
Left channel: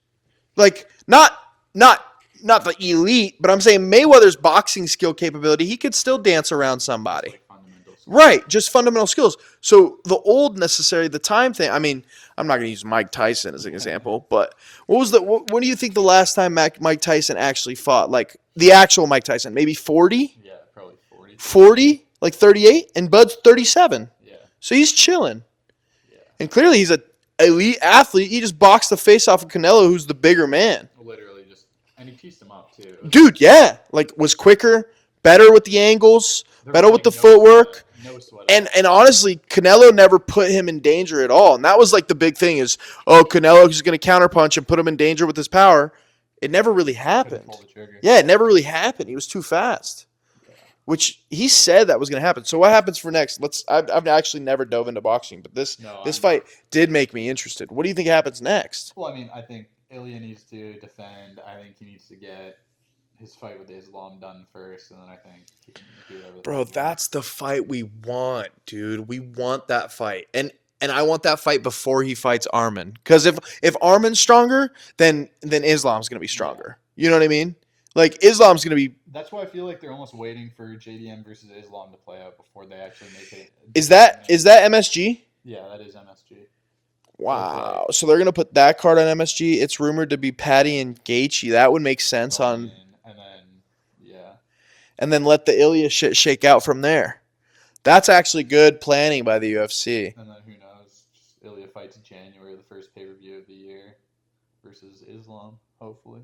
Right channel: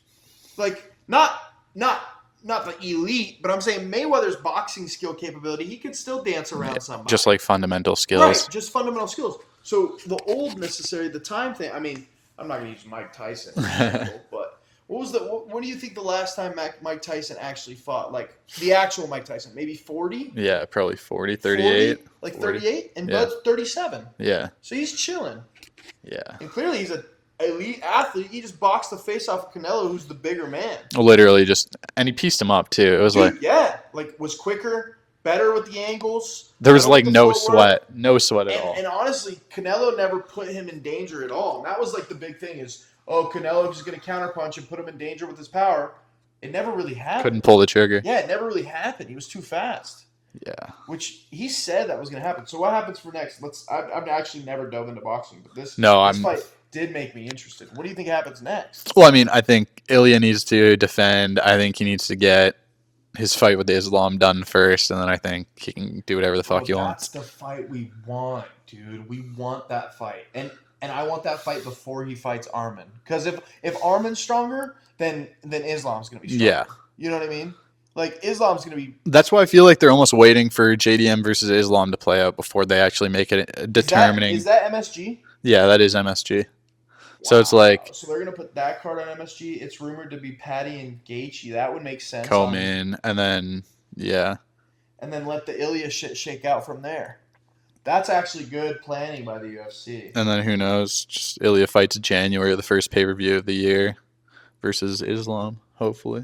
Like, not the elite, but I'm saying Mayweather's boxing skill capability, he could still dance around somebody. Just like fundamental skills. Right, just fundamental skills. So the time thing, I mean, I'm not going to use Mike Tyson as an example, but when do you think the last time Mike Tyson actually fought? Like, the actual Mike Tyson, maybe 40? Yeah, probably 40, 38. 40? Like 38? And Bud's 37. Yeah. So he's chilling. Yeah. And clearly he's a elite athlete. He just boxed the face off of Canelo, who's the bigger man. Literally and he pieced him up too. It was was quicker, better with the angles. There was like no sweat at all. And honestly, Canelo never put him in danger at all. And that was like the big thing is, Canelo is going to counterpunch and put him in danger with his power. It never really happened. Couldn't pull the trigger. Yeah, it never really happened. He was too fast. Yeah. Which he said that was going to happen. So what happens for next? I've actually never dove into boxing, but this fight did make me interested. What do you think happens next? Well, I mean, I think Ilya needs to defend. I think he needs to get his fight with Islam done first, and then I think he can do whatever the fuck he wants. That's the fight we want, dude. We want that fight, and I want that fight before he fights Arman. Because if Arman's stronger, then Islam's gonna be stronger. Yeah. You know what I mean? Like Islam's gonna be. That's why I feel like they're almost waiting for JDM versus Islam to play out before they actually make it determining. Is that MSG? Yeah, that is MSG. So it's like so they're gonna put that card on MSG. It's rumored to be Patty and Gaethje. That would make sense. Coleman, and then and then let the Ilya shit shake out from there. That's actually good planning by the UFC. and then who knows? Just Ilya fights January, the first pay-per-view of the year, versus Islam. Hopefully,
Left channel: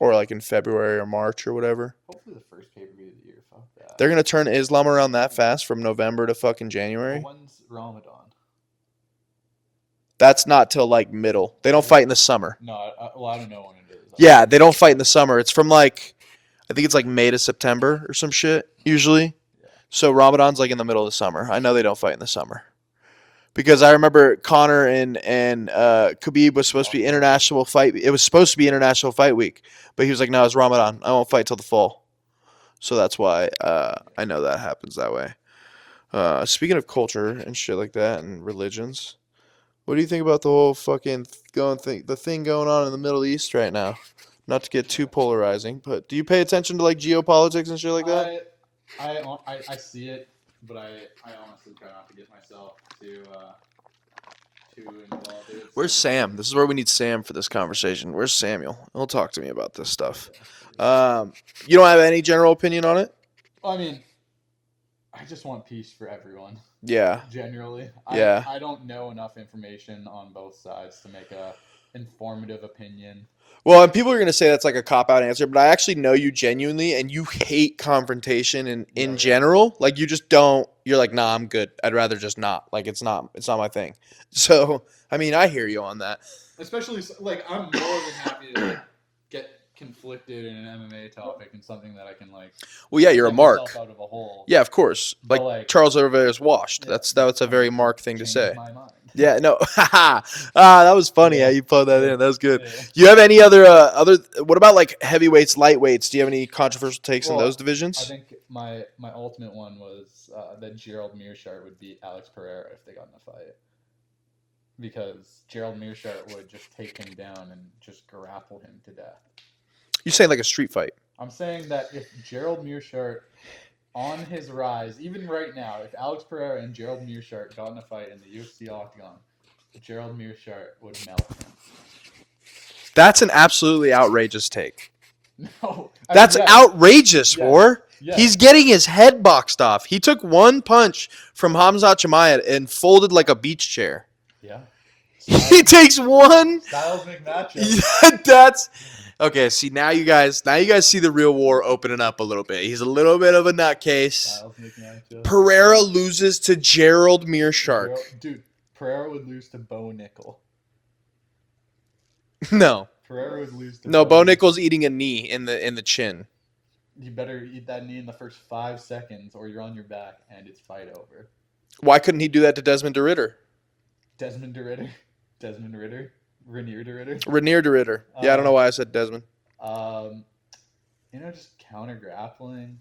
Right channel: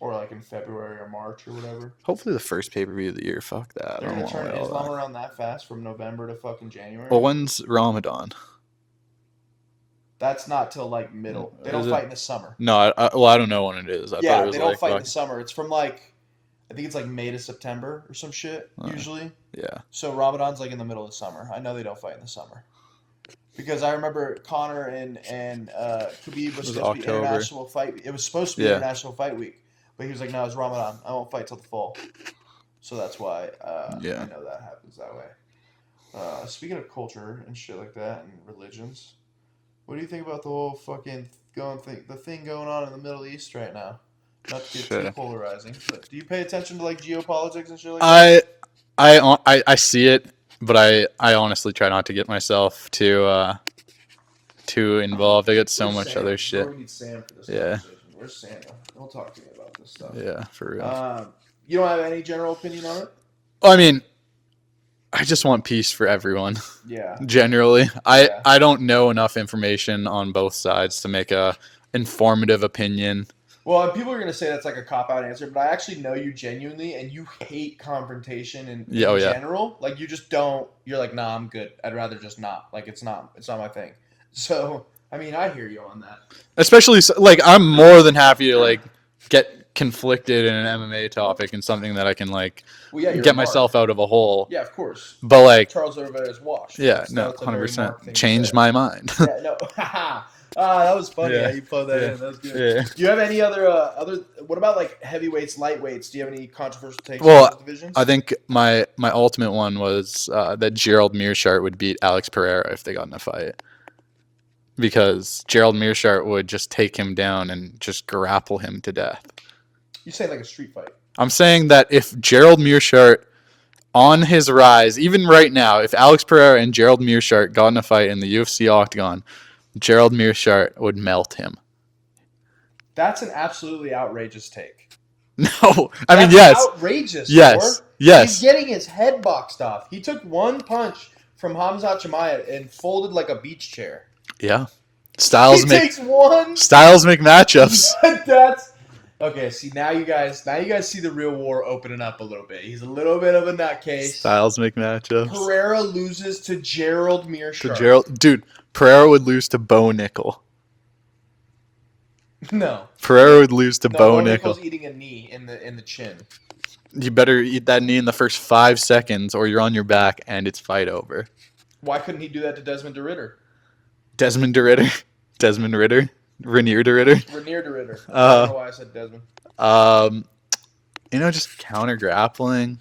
Or like in February or March or whatever. hopefully the first pay-per-view of the year. Fuck that. They're I gonna don't turn wanna know. Islam around that fast from November to fucking January. Well, when's Ramadan? That's not till like middle. They don't Is it? fight in the summer. No, I don't know when it is. I thought Yeah, it was they don't like fight in the summer. It's from like, I think it's like May to September or some shit usually. Yeah. So Ramadan's like in the middle of the summer. I know they don't fight in the summer. Because I remember Connor and Khabib was supposed to be October. international fight. It was supposed to be Yeah. international fight week, but he was like, "No, it's Ramadan. I won't fight till the fall." So that's why I know that happens that way. Speaking of culture and shit like that and religions, what do you think about the whole fucking the thing going on in the Middle East right now? Not to get too Sure. polarizing, but do you pay attention to like geopolitics and shit like that? I see it, but I honestly try not to get myself too involved. I get so Where's much Sam? other This is shit. where we need Sam for this Yeah. conversation. Where's Samuel? He'll talk to me about this stuff. Yeah, for real. You don't have any general opinion on it? I mean, I just want peace for everyone. Yeah. Generally, Yeah. I don't know enough information on both sides to make a informative opinion. Well, and people are going to say that's like a cop-out answer, but I actually know you genuinely, and you hate confrontation in Yeah, oh, yeah. general. Like, you just don't. You're like, nah, I'm good. I'd rather just not. Like, it's not my thing. So, I mean, I hear you on that. Especially like I'm more than happy to like get conflicted in an MMA topic and something that I can like Well, yeah, you're get a mark. myself out of a hole. Yeah, of course. But like Charles Oliveira's washed. yeah, That's a very 100% Mark thing to say. changed my mind. Yeah, no. That was funny Yeah. how you put that Yeah. in. That was good. Yeah. You have any other what about like heavyweights, lightweights? Do you have any controversial takes on those divisions? I think my ultimate one was that Gerald Meerschaert would beat Alex Pereira if they got in a fight. Because Gerald Meerschaert would just take him down and just grapple him to death. you're saying like a street fight. I'm saying that if Gerald Meerschaert on his rise, even right now, if Alex Pereira and Gerald Meerschaert got in a fight in the UFC octagon, Gerald Meerschaert would melt him. That's an absolutely outrageous take. No, That's yes. outrageous, Yes. Thor. Yes. He's getting his head boxed off. He took one punch from Hamzat Chimaev and folded like a beach chair. Yeah. He Styles takes one. Styles make matchups. That's okay. See, now you guys see the real war opening up a little bit. He's a little bit of a nutcase. Styles make matchups. Pereira loses to Gerald Meerschaert. Dude, Pereira would lose to Bo Nickel. No, Pereira would lose to no. Bo Bo Nickel. Nickel's eating a knee in the chin. You better eat that knee in the first 5 seconds, or you're on your back and it's fight over. Why couldn't he do that to Desmond DeRitter? Desmond Ritter, Rainier DeRitter. Rainier DeRitter. Yeah, I don't know why I said Desmond. Just counter grappling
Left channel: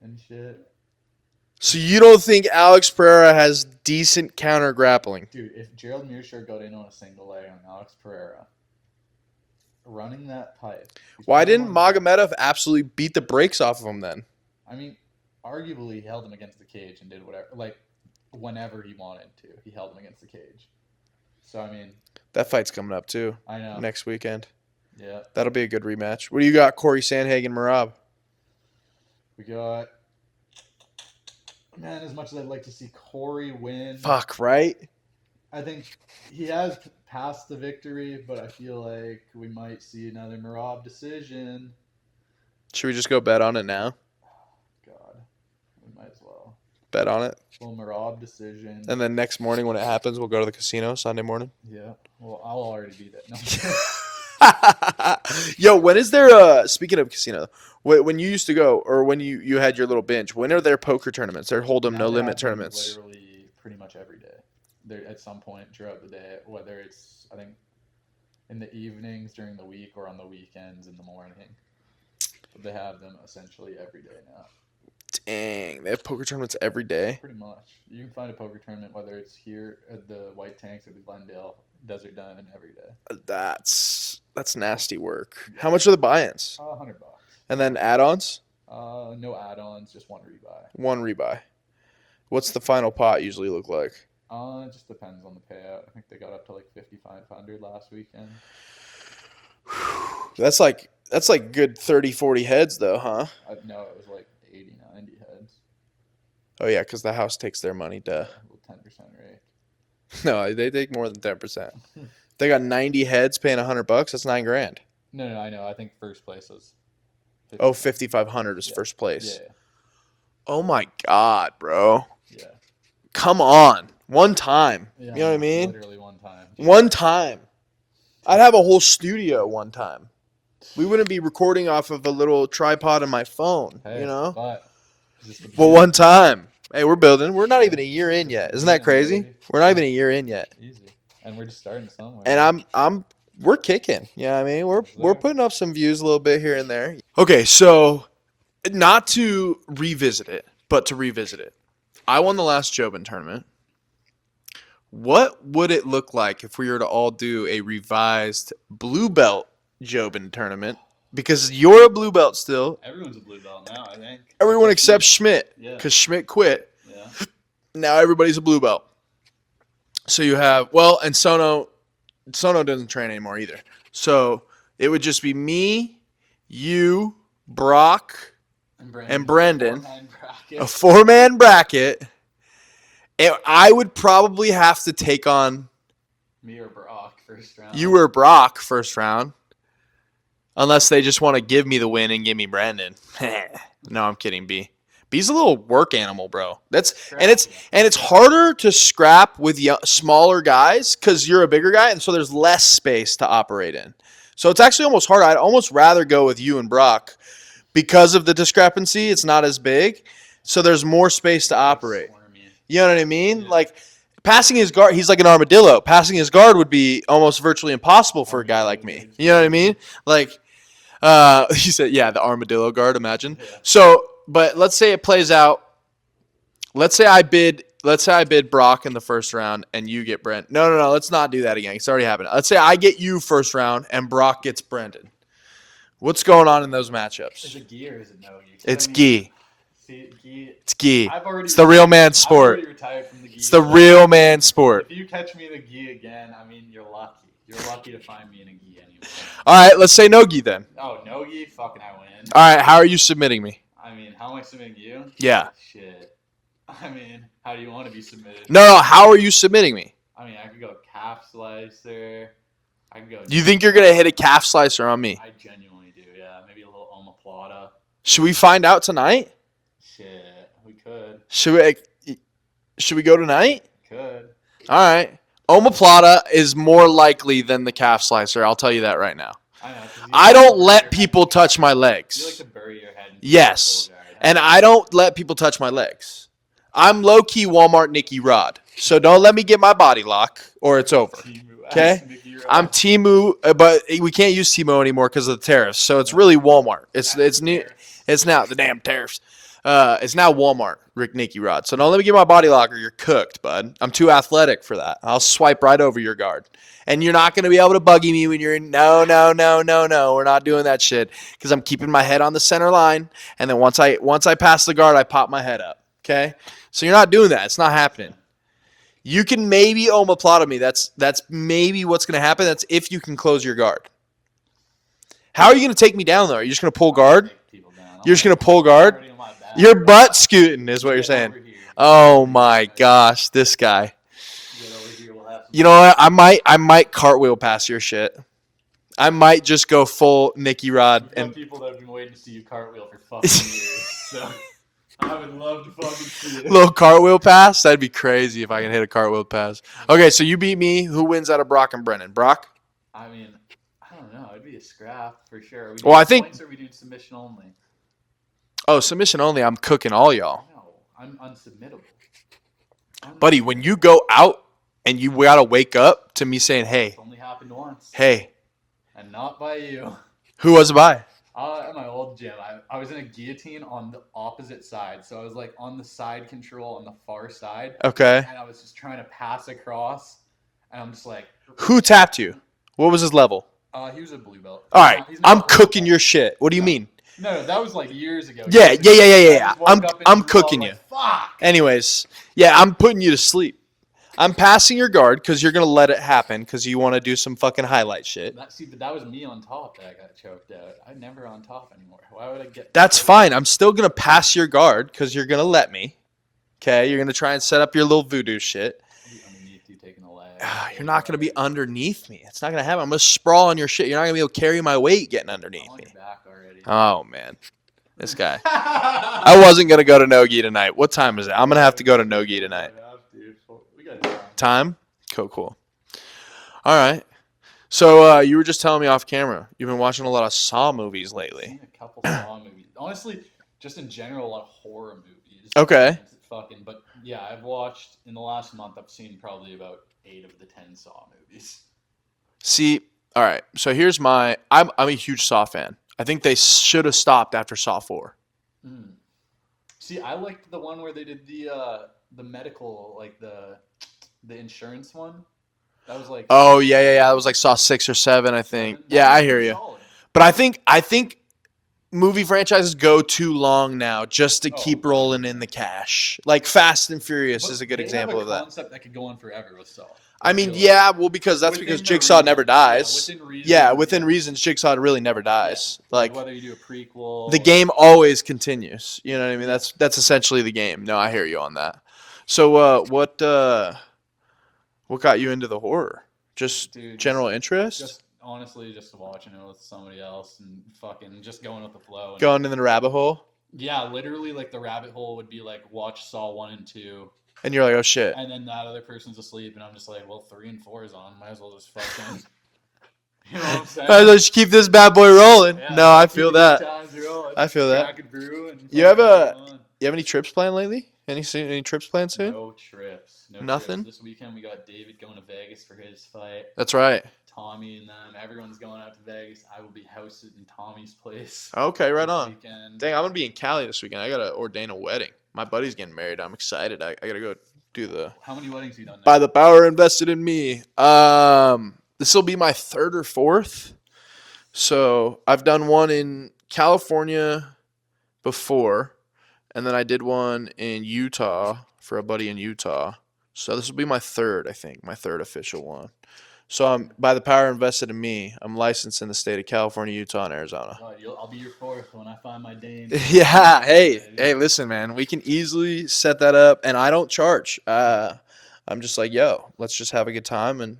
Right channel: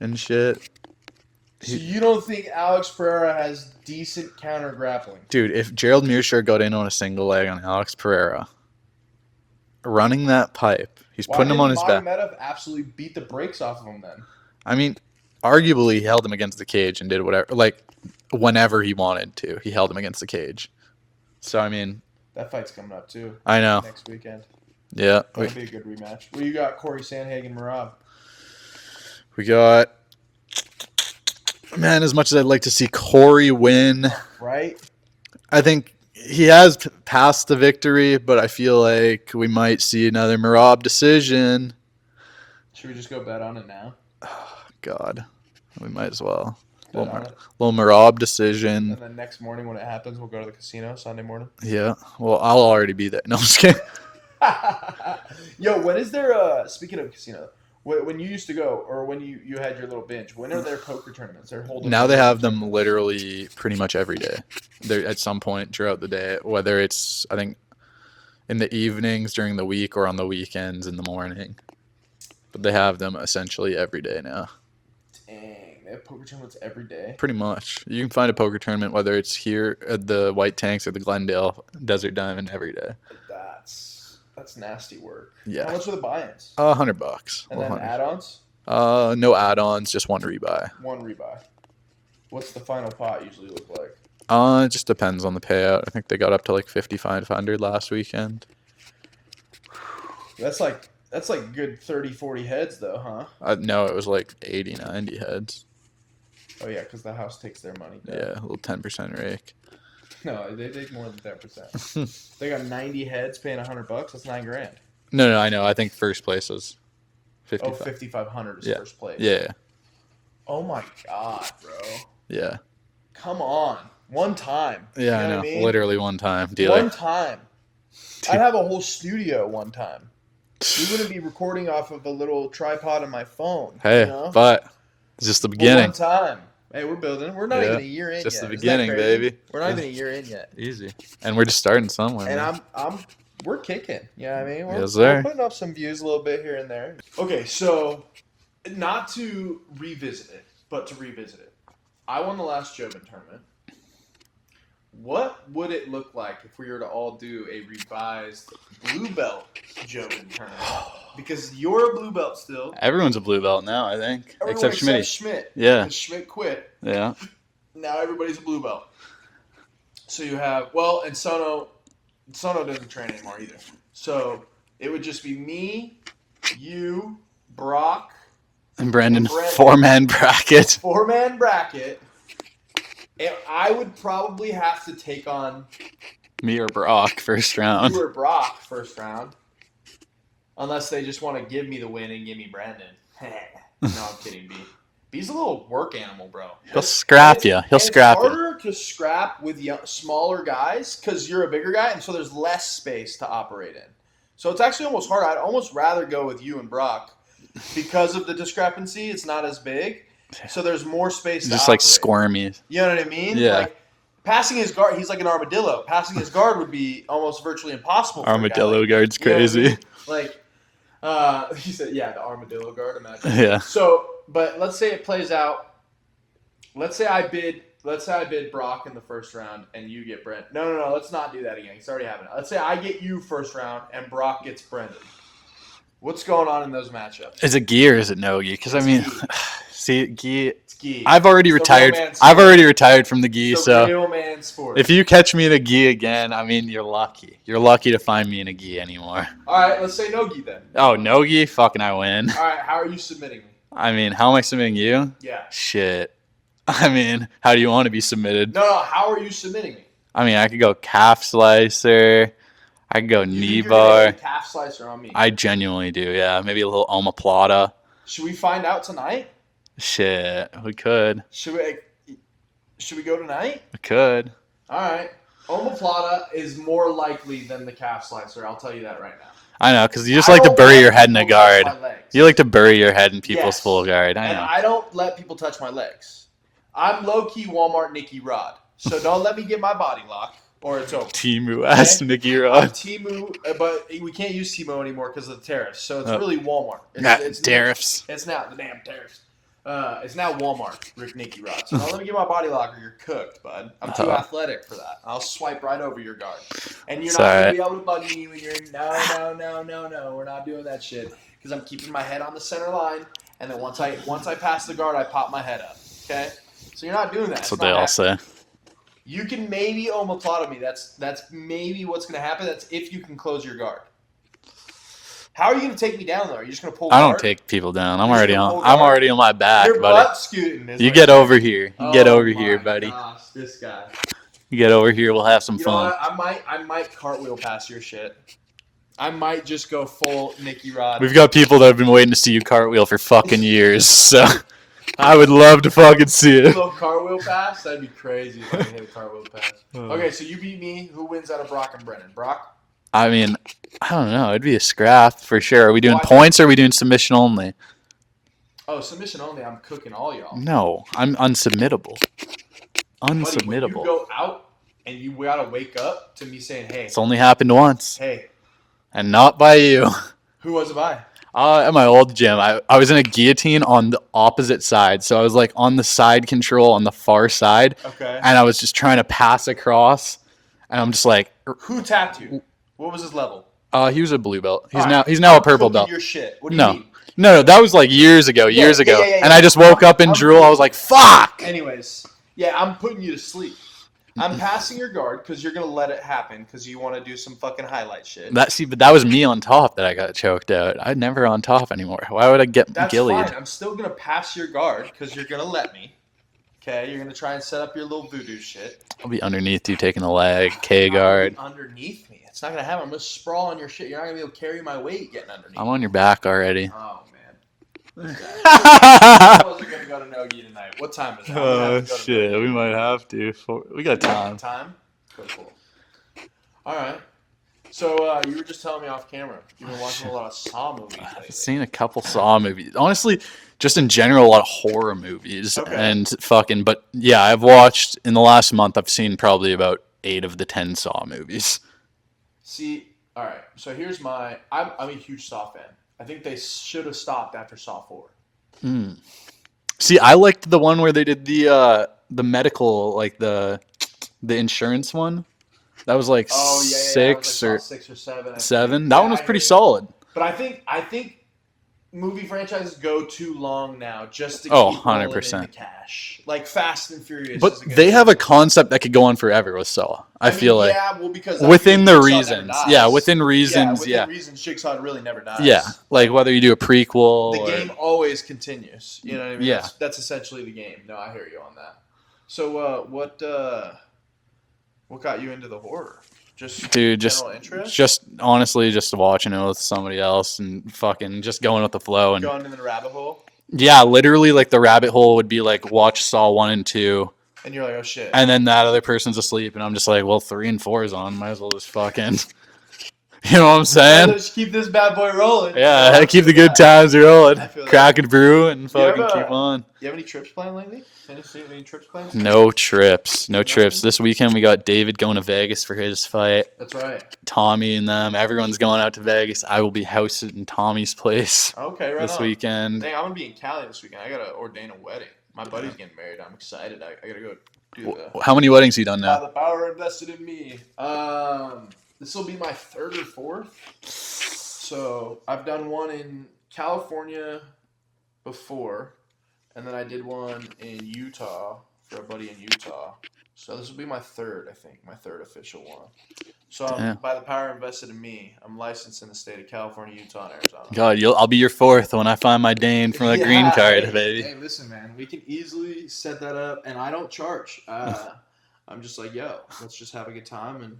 and shit. So you don't think Alex Pereira has decent counter grappling? Dude, if Gerald Meerschaert got in on a single leg on Alex Pereira, running that pipe, he's Why putting him on didn't his back. Magomedov absolutely beat the brakes off of him then? I mean, arguably he held him against the cage and did whatever, like whenever he wanted to. He held him against the cage. So I mean, That fight's coming up too I know. next weekend. Yeah, That'll be a good rematch. What do you got, Corey Sandhagen, Marab? we got. Man, as much as I'd like to see Corey win, Fuck, right? I think he has passed the victory, but I feel like we might see another Marab decision. Should we just go bet on it now? God, we might as well. Bet on it. Little Marab decision. And then next morning when it happens, we'll go to the casino Sunday morning. Yeah. Well, I'll already be there. No, I'm just kidding. Yo, when is there speaking of casino, when you used to go or when you had your little binge, when are there poker tournaments? They're holding Now they have them tournaments. literally pretty much every day. They're at some point throughout the day, whether it's I think in the evenings during the week or on the weekends in the morning. but they have them essentially every day now. Dang, they have poker tournaments every day. Pretty much. You can find a poker tournament, whether it's here at the White Tanks or the Glendale Desert Diamond, every day. That's nasty work. Yeah. How much are the buy-ins? $100. And then add-ons? No add-ons, just one rebuy. One rebuy. What's the final pot usually look like? It just depends on the payout. I think they got up to like 5,500 last weekend. That's like good 30, 40 heads though, huh? No, it was like 80, 90 heads. Oh yeah, because the house takes their money, Yeah, a little 10% rake. No, they take more than 10%. They got 90 heads paying $100. That's $9,000. No, I know. I think first place was 55. Oh, 5,500 is first place. Yeah. Oh my God, bro. Yeah. Come on. One time. Yeah, You know I what I know. mean? Literally one time. One time. I'd have a whole studio one time. We wouldn't be recording off of a little tripod on my phone. Hey, you know? but it's just the beginning. Well, one time. Hey, we're building. We're not Yeah, even a year in just yet. the Isn't that beginning, crazy? baby. We're not even a year in yet. Easy. And we're just starting somewhere. And we're kicking. You know what I mean? Yes, sir. We're putting up some views a little bit here and there. Okay, so not to revisit it, but to revisit it. I won the last Jobin tournament. What would it look like if we were to all do a revised blue belt Jobin tournament? Because you're a blue belt still. Everyone's a blue belt now, I think. Everyone except me. Schmidt. Yeah. Because Schmidt quit. Yeah. Now everybody's a blue belt. So you have, well, and Sono doesn't train anymore either. So it would just be me, you, Brock, And Brendan. Brendan. Four-man bracket. Four-man bracket. And I would probably have to take on Me or Brock first round. you or Brock first round. Unless they just want to give me the win and give me Brandon. No, I'm kidding, B. B's a little work animal, bro. He'll scrap you. He'll and scrap it's you. harder to scrap with smaller guys because you're a bigger guy, and so there's less space to operate in. So it's actually almost harder. I'd almost rather go with you and Brock because of the discrepancy. It's not as big, so there's more space to Just operate. like squirmy. You know what I mean? Yeah. Like passing his guard, he's like an armadillo. Passing his guard would be almost virtually impossible for a guy Armadillo like me. guard's You know what I crazy. mean? Like, he said, yeah, the armadillo guard. Imagine. Yeah. So, but let's say it plays out. Let's say I bid Brock in the first round and you get Brent. No. Let's not do that again. It's already happened. Let's say I get you first round and Brock gets Brendan. What's going on in those matchups? Is it gi or is it no gi? It's gi. See, gi. It's gi. I've already It's retired. the real man sport. I've already retired from the gi. It's the real man sport. If you catch me in a gi again, I mean, you're lucky. You're lucky to find me in a gi anymore. All right, let's say no gi then. Oh, no gi? Fucking I win. All right, how are you submitting me? I mean, how am I submitting you? Yeah. Shit. I mean, how do you want to be submitted? No, how are you submitting me? I mean, I could go calf slicer. I could go knee You think you're bar. going to hit a calf slicer on me? I genuinely do, yeah. Maybe a little omoplata. Should we find out tonight? Shit, we could. Should we go tonight? We could. All right. Omoplata is more likely than the calf slicer. I'll tell you that right now. I know, because you just I like to don't bury let your head in a people guard. touch my legs. You like to bury your head in people's Yes. full guard. And know. I don't let people touch my legs. I'm low-key Walmart Nicky Rod. So don't let me get my body lock or it's over. Timu ass Okay? Nicky I'm Rod. Timu, but we can't use Timo anymore because of the tariffs. So it's really Walmart. It's tariffs. It's now the damn tariffs. It's now Walmart, Rick Nicky Rod. So don't let me get my body locker. You're cooked, bud. I'm too athletic for that. I'll swipe right over your guard. And you're not going to be able to buggy me when you're in. No. We're not doing that shit because I'm keeping my head on the center line. And then once I pass the guard, I pop my head up. Okay? So you're not doing that. It's not happening. You can maybe omoplata me. That's maybe what's going to happen. That's if you can close your guard. How are you going to take me down, though? Are you just going to pull I don't guard? take people down. You're just gonna pull I'm guard? already on my back. Your but butt scooting is You what get you're over saying. here. You get Oh over my here, buddy. gosh, this guy. You get over here. We'll have some You fun. know what? I might cartwheel past your shit. I might just go full Nicky Rod. We've got people that have been waiting to see you cartwheel for fucking years, so I would love to fucking see a it. little cartwheel pass. That'd be crazy if I can hit a cartwheel pass. Okay, so you beat me. Who wins out of Brock and Brennan? Brock? I mean, I don't know. It'd be a scrap for sure. Are we doing Well, I think- points or are we doing submission only? Oh, submission only. I'm cooking all y'all. No, I'm unsubmittable. Buddy, when you Unsubmittable. go out and you got to wake up to me saying, hey, It's only happened once, hey, and not by you. who was it by? At my old gym, I was in a guillotine on the opposite side. So I was like on the side control on the far side. Okay. And I was just trying to pass across. And I'm just like, Who tapped you? What was his level? he was a blue belt. All right. He's now I'm a purple cooking belt. your shit. What do you mean? No, that was like years ago. Yeah. And I just woke up and I'm drew. I was cooking like, you. fuck. Anyways, yeah, I'm putting you to sleep. I'm passing your guard because you're going to let it happen because you want to do some fucking highlight shit. But that was me on top that I got choked out. I'm never on top anymore. Why would I get That's gillied? fine. I'm still going to pass your guard because you're going to let me. Okay? You're going to try and set up your little voodoo shit. I'll be underneath you taking the leg, K You're not going guard. to be underneath me. It's not going to happen. I'm going to sprawl on your shit. You're not going to be able to carry my weight getting underneath. I'm on your back already. Oh, man. This guy. I wasn't going to go to Nogi tonight. What time is it? I'm going to have to go to Nogi We tonight. might have to. We got time. Time? Cool. All right. So you were just telling me off camera, you've been watching a lot of Saw movies I've lately. seen a couple Saw movies. Honestly, just in general, a lot of horror movies. Okay. But yeah, I've watched, in the last month, I've seen probably about 8 of the 10 Saw movies. See, all right. So here's I'm a huge Saw fan. I think they should have stopped after Saw 4. See, I liked the one where they did the medical, like the insurance one. That was like Oh yeah. I was like 6 Saw or 6 or 7. I 7. think. That yeah, was I hear pretty you. solid. But I think movie franchises go too long now just to Oh, keep rolling in 100%. the cash. Like Fast and Furious But is a good they have a example of that. concept that could go on forever with Saw. I mean, feel like. yeah, well, because that's Within because the Jigsaw reasons. never dies. Yeah, within reasons. Yeah, within yeah. reasons, Jigsaw really never dies. Yeah, like whether you do a prequel. the or- game always continues. You know what I mean? Yeah. That's essentially the game. No, I hear you on that. So, what got you into the horror? Just Dude, general interest? Just honestly, just watching it with somebody else and fucking just going with the flow. And going in the rabbit hole, yeah, literally, like the rabbit hole would be like watch Saw 1 and 2, and you're like, oh shit. and then that other person's asleep, and I'm just like, well, 3 and 4 is on. Might as well just fucking. You know what I'm saying? Let's keep this bad boy rolling. Yeah, No, I keep feel the that. good times rolling. I feel that. Crack and brew and fucking keep on. You have any trips planned lately? Any trips planned soon? No trips. No Nothing? trips. This weekend we got David going to Vegas for his fight. That's right. Tommy and them. Everyone's going out to Vegas. I will be housed in Tommy's place Okay, right this on. weekend. Dang, I'm gonna be in Cali this weekend. I gotta ordain a wedding. My buddy's getting married. I'm excited. I gotta go do the How many weddings you done now? by the power invested in me. This will be my 3rd or 4th. So I've done one in California before, and then I did one in Utah for a buddy in Utah. So this will be my 3rd, I think, my 3rd official one. So I'm by the power invested in me. I'm licensed in the state of California, Utah, and Arizona. God, I'll be your 4th when I find my Dane for the green card, baby. Hey, listen, man. We can easily set that up, and I don't charge. I'm just like, yo, let's just have a good time, and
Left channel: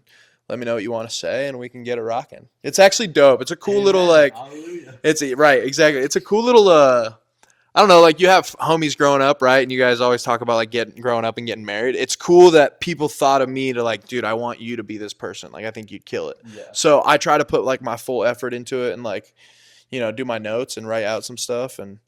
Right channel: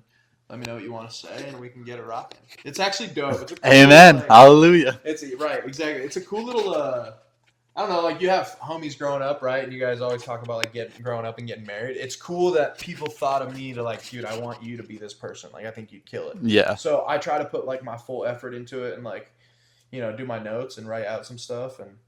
let me know what you want to say, and we can get it rocking. It's actually dope. It's a cool Amen. little, like, Hallelujah. right, exactly. It's a cool little, I don't know, like you have homies growing up, right? And you guys always talk about like growing up and getting married. It's cool that people thought of me to like, dude, I want you to be this person. Like, I think you'd kill it. Yeah. So I try to put like my full effort into it and like, you know, do my notes and write out some stuff. And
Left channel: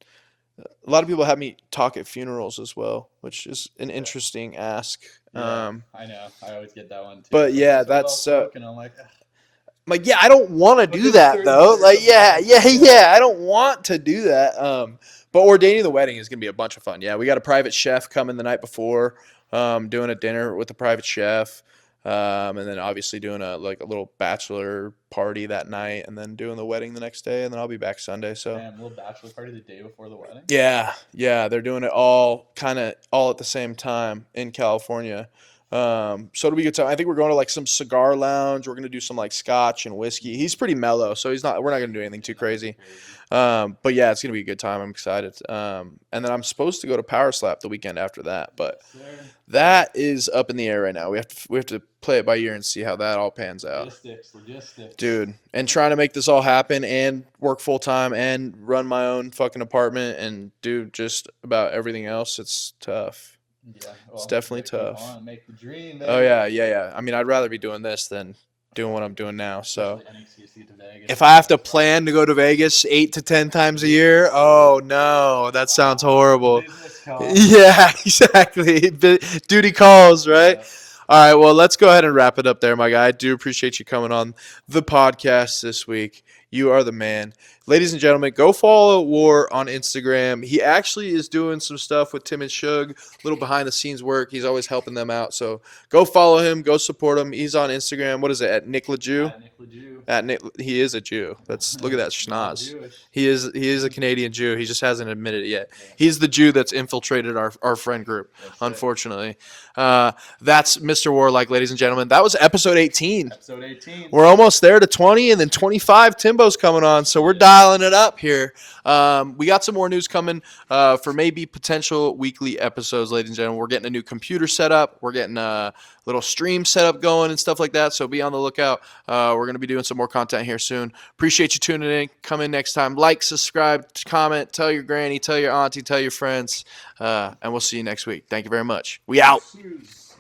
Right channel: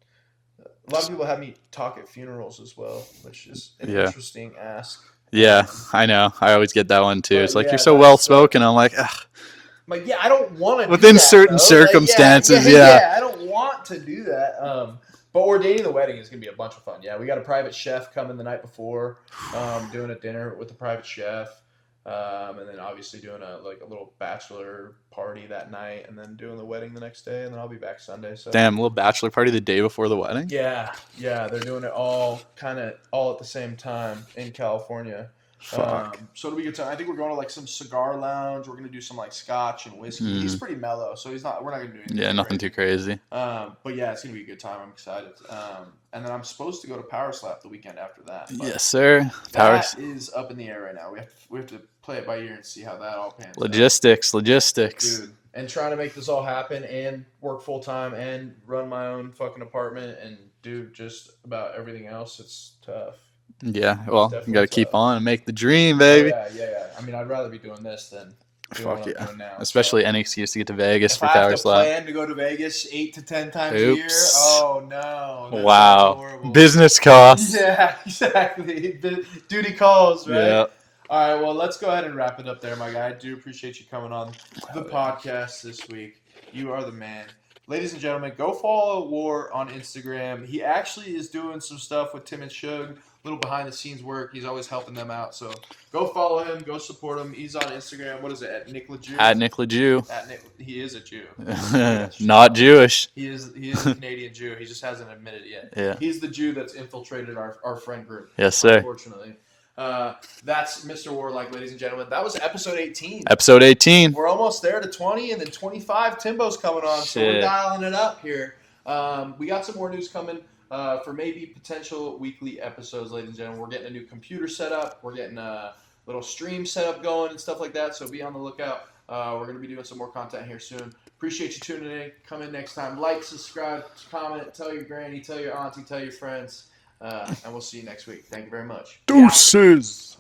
a lot of people have me talk at funerals as well, which is an interesting ask. Yeah, I know. I always get that one too. but It's like, yeah, you're so that's well spoken. I'm like, ugh. I'm like, yeah, I don't want to do Within that. certain though. circumstances, Like, yeah. I don't want to do that. But ordaining the wedding is gonna be a bunch of fun. Yeah, we got a private chef coming the night before, doing a dinner with the private chef, and then obviously doing a little bachelor party that night, and then doing the wedding the next day, and then I'll be back Sunday. So Damn, little bachelor party the day before the wedding? yeah, they're doing it all at the same time in California. So it'll be a good time. I think we're going to like some cigar lounge. We're gonna do some like scotch and whiskey. He's pretty mellow, so we're not gonna do anything Yeah, too nothing crazy. too crazy. But yeah, it's gonna be a good time. I'm excited. And then I'm supposed to go to Powerslap the weekend after that. But Yes, sir. that is up in the air right now. We have to play it by ear and see how that all pans out. Logistics. Dude, and trying to make this all happen and work full time and run my own fucking apartment and do just about everything else. It's tough. Yeah, well, you definitely got to keep tough. on and make the dream, Oh, baby. yeah. I mean, I'd rather be doing this than doing what I'm doing now. Especially so. any excuse to get to Vegas. If for I have to Powerslap. plan to go to Vegas 8 to 10 times a Oops. year, oh no, that sounds Wow. horrible. Business cost. Yeah, exactly. Duty calls, right? Yeah. All right, well, let's go ahead and wrap it up there, my guy. I do appreciate you coming on the podcast this week. You are the man. ladies and gentlemen, go follow War on Instagram. He actually is doing some stuff with Tim and Shug, a little behind the scenes work. He's always helping them out. So go follow him. Go support him. He's on Instagram. What is it? At Nick Lajoie? At Nick Lajoie. He is a Jew. Look at that. Not Jewish. He is a Canadian Jew. He just hasn't admitted it yet. Yeah. He's the Jew that's infiltrated our friend group. Yes, sir. Unfortunately. That's Mr. Warlike, ladies and gentlemen. That was episode 18. Episode 18. We're almost there to 20, and then 25. Timbo's coming on, so we're Shit. dialing it up here. We got some more news coming for maybe potential weekly episodes, ladies and gentlemen. We're getting a new computer set up. We're getting a little stream setup going and stuff like that, so be on the lookout. We're going to be doing some more content here soon. Appreciate you tuning in. Come in next time. Like, subscribe, comment, tell your granny, tell your auntie, tell your friends, and we'll see you next week. Thank you very much. We out. Deuces.